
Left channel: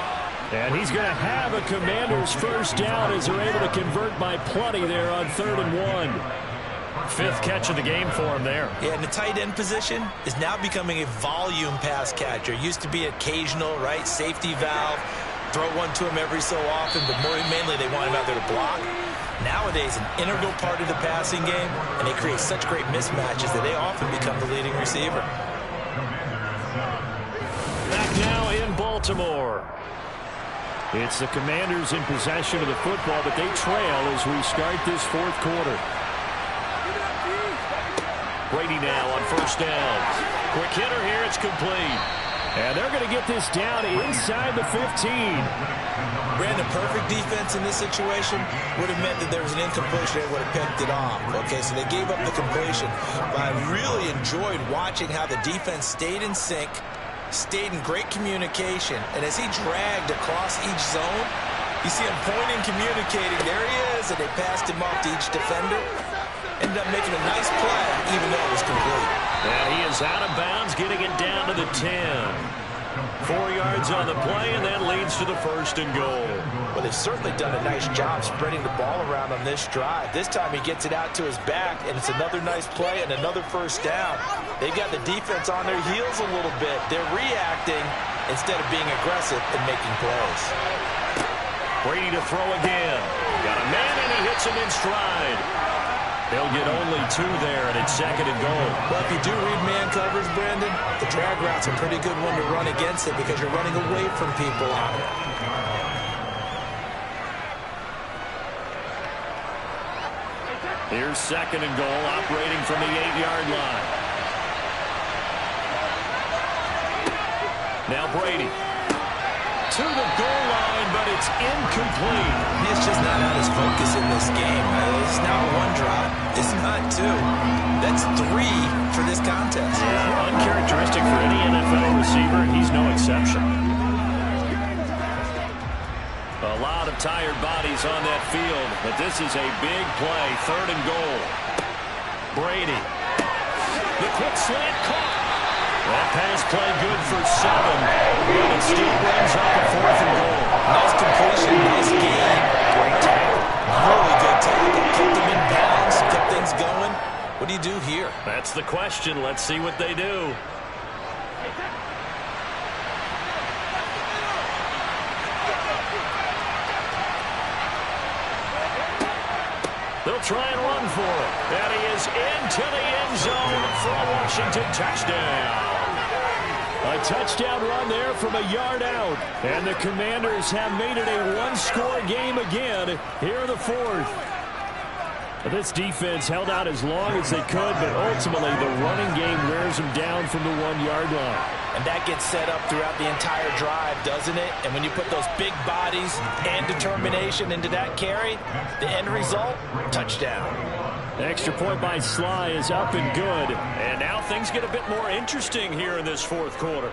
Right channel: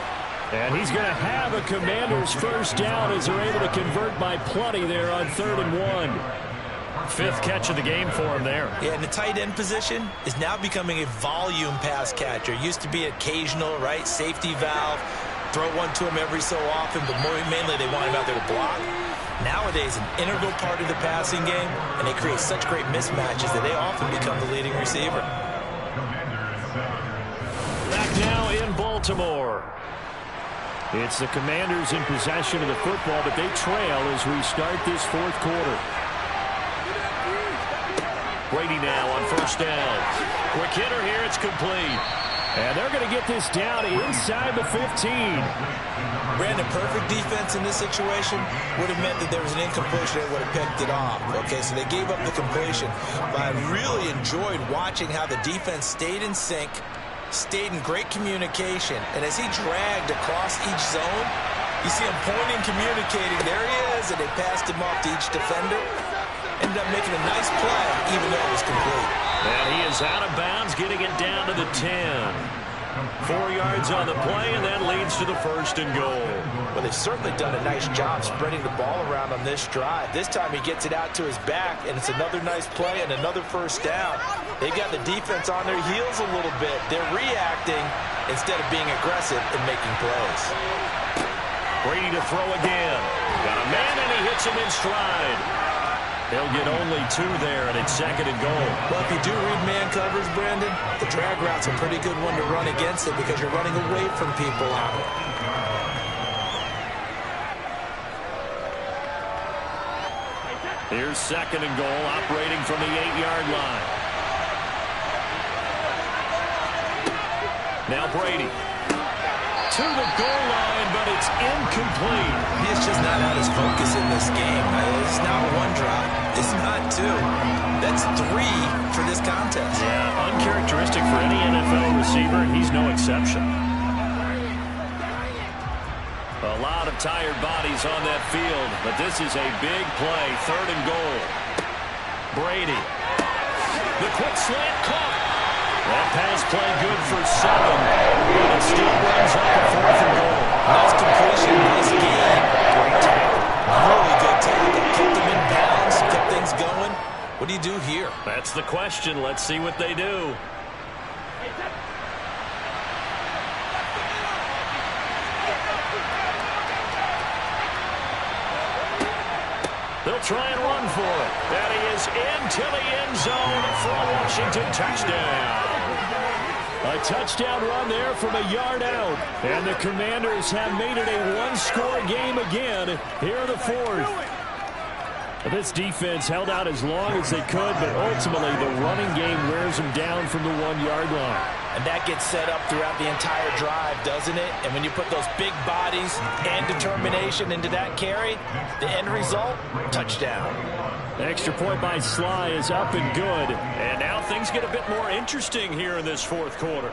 And he's going to have a Commanders 1st down as they're able to convert by plenty there on 3rd and 1. 5th catch of the game for him there. Yeah, and the tight end position is now becoming a volume pass catcher. Used to be occasional, right? Safety valve. Throw one to him every so often, but mainly they want him out there to block. Nowadays, an integral part of the passing game, and they create such great mismatches that they often become the leading receiver. Back now in Baltimore. It's the Commanders in possession of the football, but they trail as we start this 4th quarter. Brady now on 1st down. Quick hitter here, it's complete. And they're going to get this down inside the 15. Brandon, perfect defense in this situation would have meant that there was an incompletion and would have picked it off. Okay, so they gave up the completion. But I really enjoyed watching how the defense stayed in sync, stayed in great communication, and as he dragged across each zone, You see him pointing, communicating. There he is, and they passed him off to each defender. Ended up making a nice play, even though it was complete. And he is out of bounds, getting it down to the 10. 4 yards on the play, and that leads to the 1st and goal. Well, they've certainly done a nice job spreading the ball around on this drive. This time he gets it out to his back, and it's another nice play and another 1st down. They've got the defense on their heels a little bit. They're reacting instead of being aggressive and making plays. Brady to throw again. Got a man, and he hits him in stride. They'll get only 2 there, and it's 2nd and goal. Well, if you do read man coverage, Brandon, the drag route's a pretty good one to run against it because you're running away from people on it. Here's 2nd and goal, operating from the 8-yard line. Now Brady. To the goal line, but it's incomplete. He's just not out his focus in this game. It's not 1 drop. It's not 2. That's 3 for this contest. Yeah, uncharacteristic for any NFL receiver, and he's no exception. A lot of tired bodies on that field, but this is a big play. 3rd and goal. Brady. The quick slant caught. That pass play good for 7, but it still brings up a 4th and goal. Nice completion, nice game. Great tackle. Really good tackle. Kept them in bounds, kept things going. What do you do here? That's the question. Let's see what they do. They'll try and run for it. And he is into the end zone for a Washington touchdown. A touchdown run there from a yard out. And the Commanders have made it a 1-score game again here in the 4th. This defense held out as long as they could, but ultimately the running game wears them down from the 1-yard line. And that gets set up throughout the entire drive, doesn't it? And when you put those big bodies and determination into that carry, the end result, touchdown. The extra point by Sly is up and good. And now things get a bit more interesting here in this 4th quarter.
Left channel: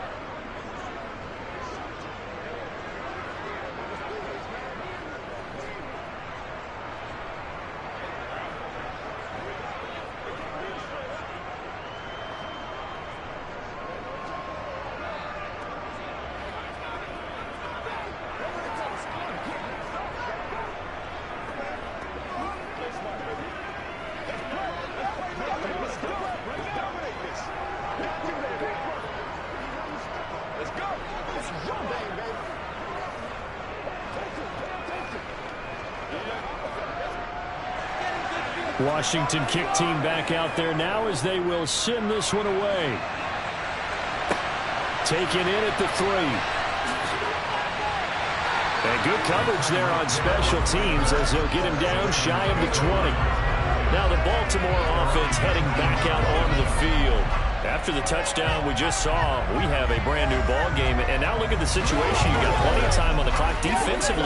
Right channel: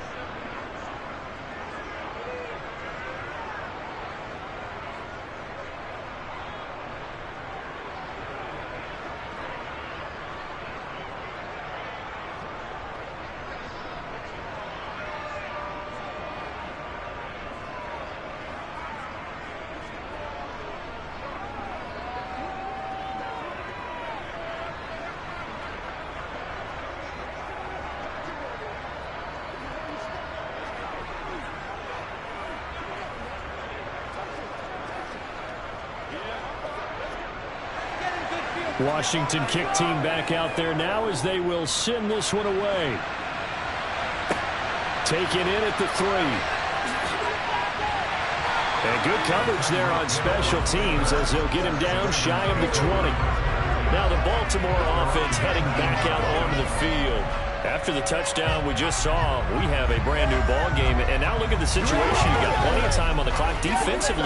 Washington kick team back out there now as they will send this one away. Taken in at the 3. And good coverage there on special teams as they'll get him down shy of the 20. Now the Baltimore offense heading back out onto the field. After the touchdown we just saw, we have a brand new ball game. And now look at the situation. You've got plenty of time on the clock. Defensively,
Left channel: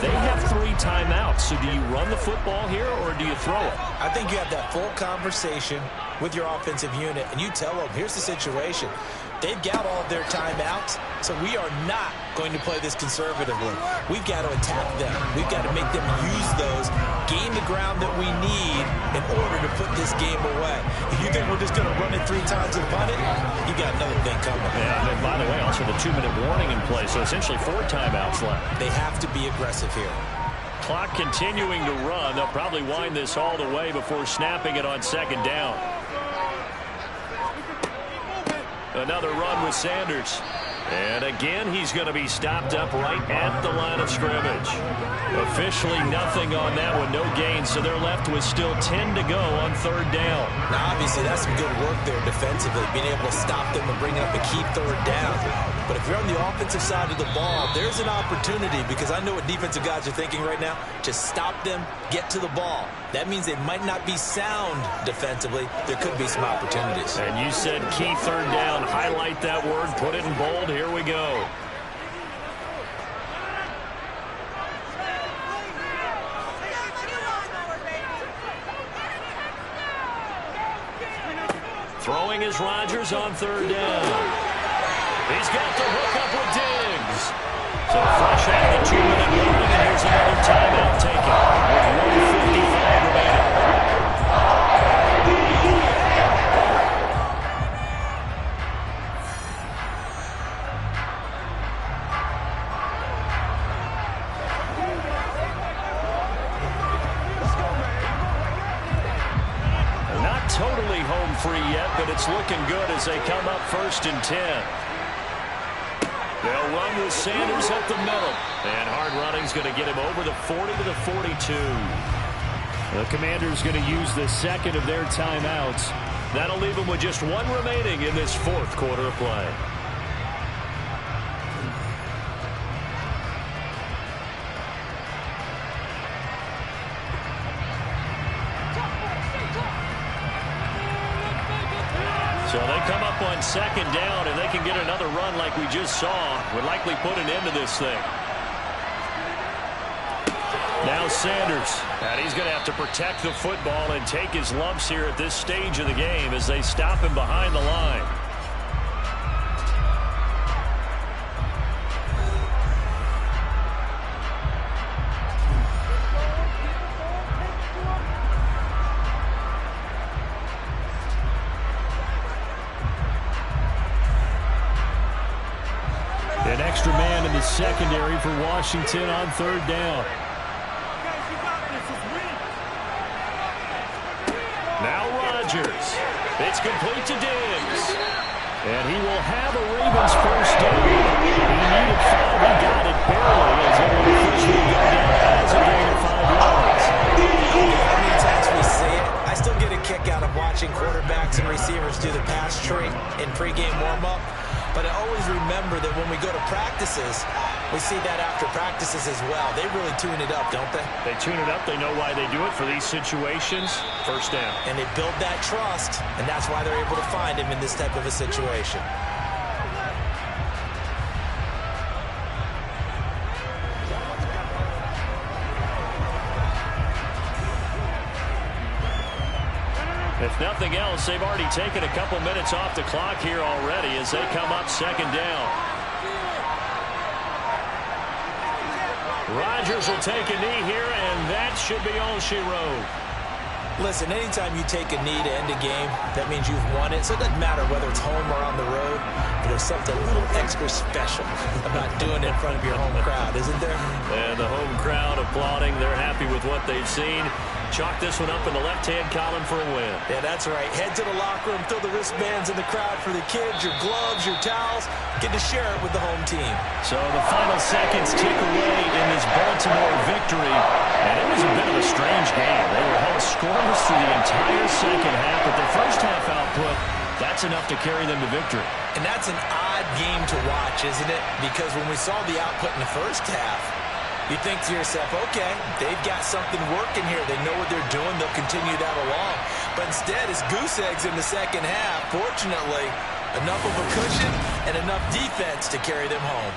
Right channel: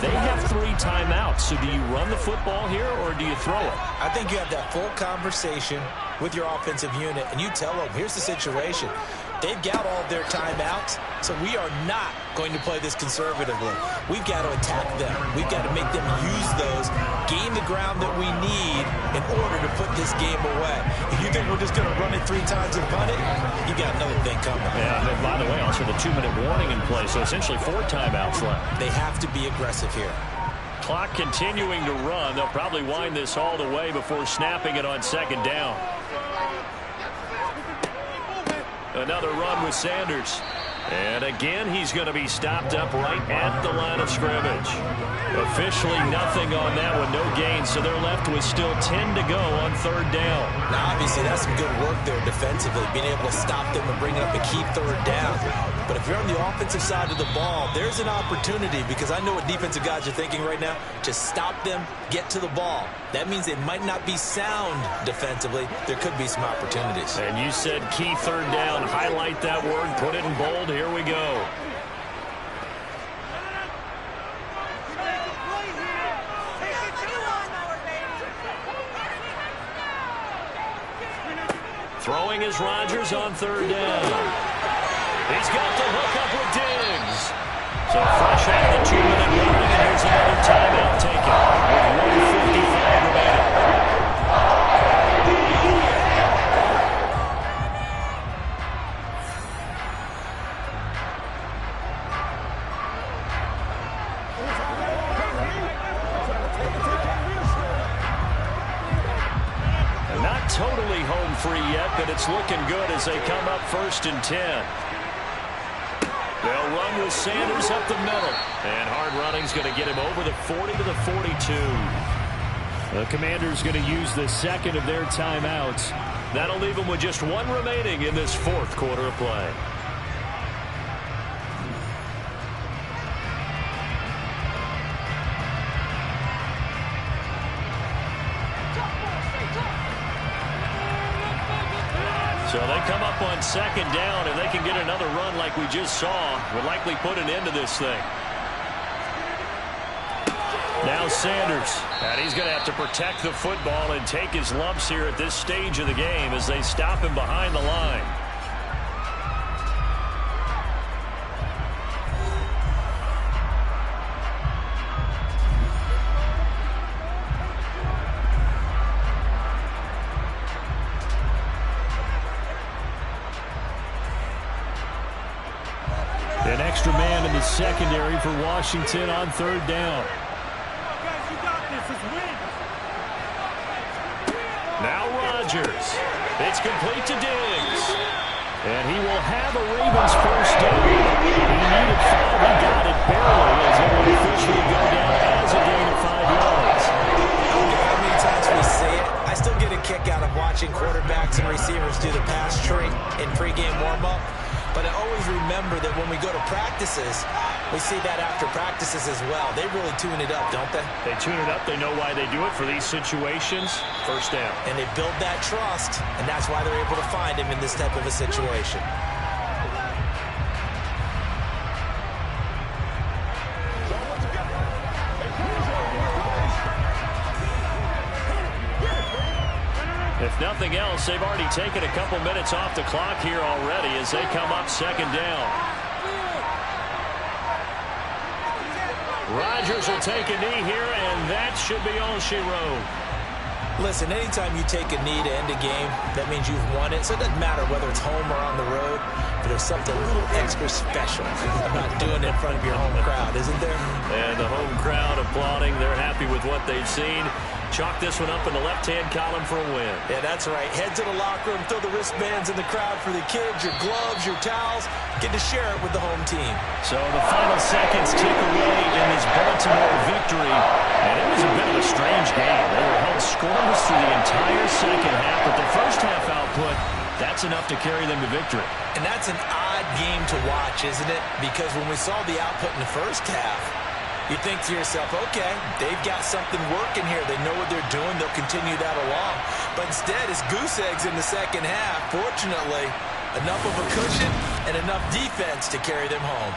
they have 3 timeouts. So do you run the football here or do you throw it? I think you have that full conversation with your offensive unit, and you tell them, here's the situation. They've got all of their timeouts, so we are not going to play this conservatively. We've got to attack them. We've got to make them use those, gain the ground that we need in order to put this game away. If you think we're just going to run it 3 times and punt it, you got another thing coming. Yeah, and by the way, also the 2-minute warning in play, so essentially 4 timeouts left. They have to be aggressive here. Clock continuing to run. They'll probably wind this all the way before snapping it on 2nd down. Another run with Sanders. And again, he's going to be stopped up right at the line of scrimmage. Officially nothing on that one, no gain, so they're left with still 10 to go on 3rd down. Now, obviously, that's some good work there defensively, being able to stop them and bring up a key 3rd down. But if you're on the offensive side of the ball, there's an opportunity, because I know what defensive guys are thinking right now, to stop them, get to the ball. That means they might not be sound defensively. There could be some opportunities. And you said key 3rd down. Highlight that word, put it in bold. Here we go. Throwing is Rodgers on 3rd down. He's got the hook up with Diggs. So fresh out of the 2-minute warning, and here's free yet, but it's looking good as they come up 1st and 10. They'll run with Sanders up the middle. And hard running's going to get him over the 40 to the 42. The Commanders going to use the second of their timeouts. That'll leave them with just one remaining in this 4th quarter of play. So they come up on 2nd down. If they can get another run like we just saw, would likely put an end to this thing. Now Sanders, and he's going to have to protect the football and take his lumps here at this stage of the game as they stop him behind the line. An extra man in the secondary for Washington on 3rd down. Now Rodgers. It's complete to Diggs. And he will have a Ravens 1st down. He needed 5. He got it barely as it will officially go down as a gain of 5 yards. How many times we see it? I still get a kick out of watching quarterbacks and receivers do the pass tree in pregame warm-up. But I always remember that when we go to practices, we see that after practices as well. They really tune it up, don't they? They tune it up. They know why they do it for these situations. 1st down. And they build that trust, and that's why they're able to find him in this type of a situation. If nothing else, they've already taken a couple minutes off the clock here already as they come up 2nd down. Rodgers will take a knee here, and that should be all she wrote. Listen, anytime you take a knee to end a game, that means you've won it. So it doesn't matter whether it's home or on the road, but there's something a little extra special about doing it in front of your home crowd, isn't there? And the home crowd applauding. They're happy with what they've seen. Chalk this one up in the left-hand column for a win. Yeah, that's right. Head to the locker room, throw the wristbands in the crowd for the kids, your gloves, your towels. Get to share it with the home team. So the final seconds tick away in this Baltimore victory. And it was a bit of a strange game. They were held scoreless through the entire second half, but their first half output, that's enough to carry them to victory. And that's an odd game to watch, isn't it? Because when we saw the output in the first half, you think to yourself, okay, they've got something working here. They know what they're doing. They'll continue that along. But instead, it's goose eggs in the second half. Fortunately, enough of a cushion and enough defense to carry them home.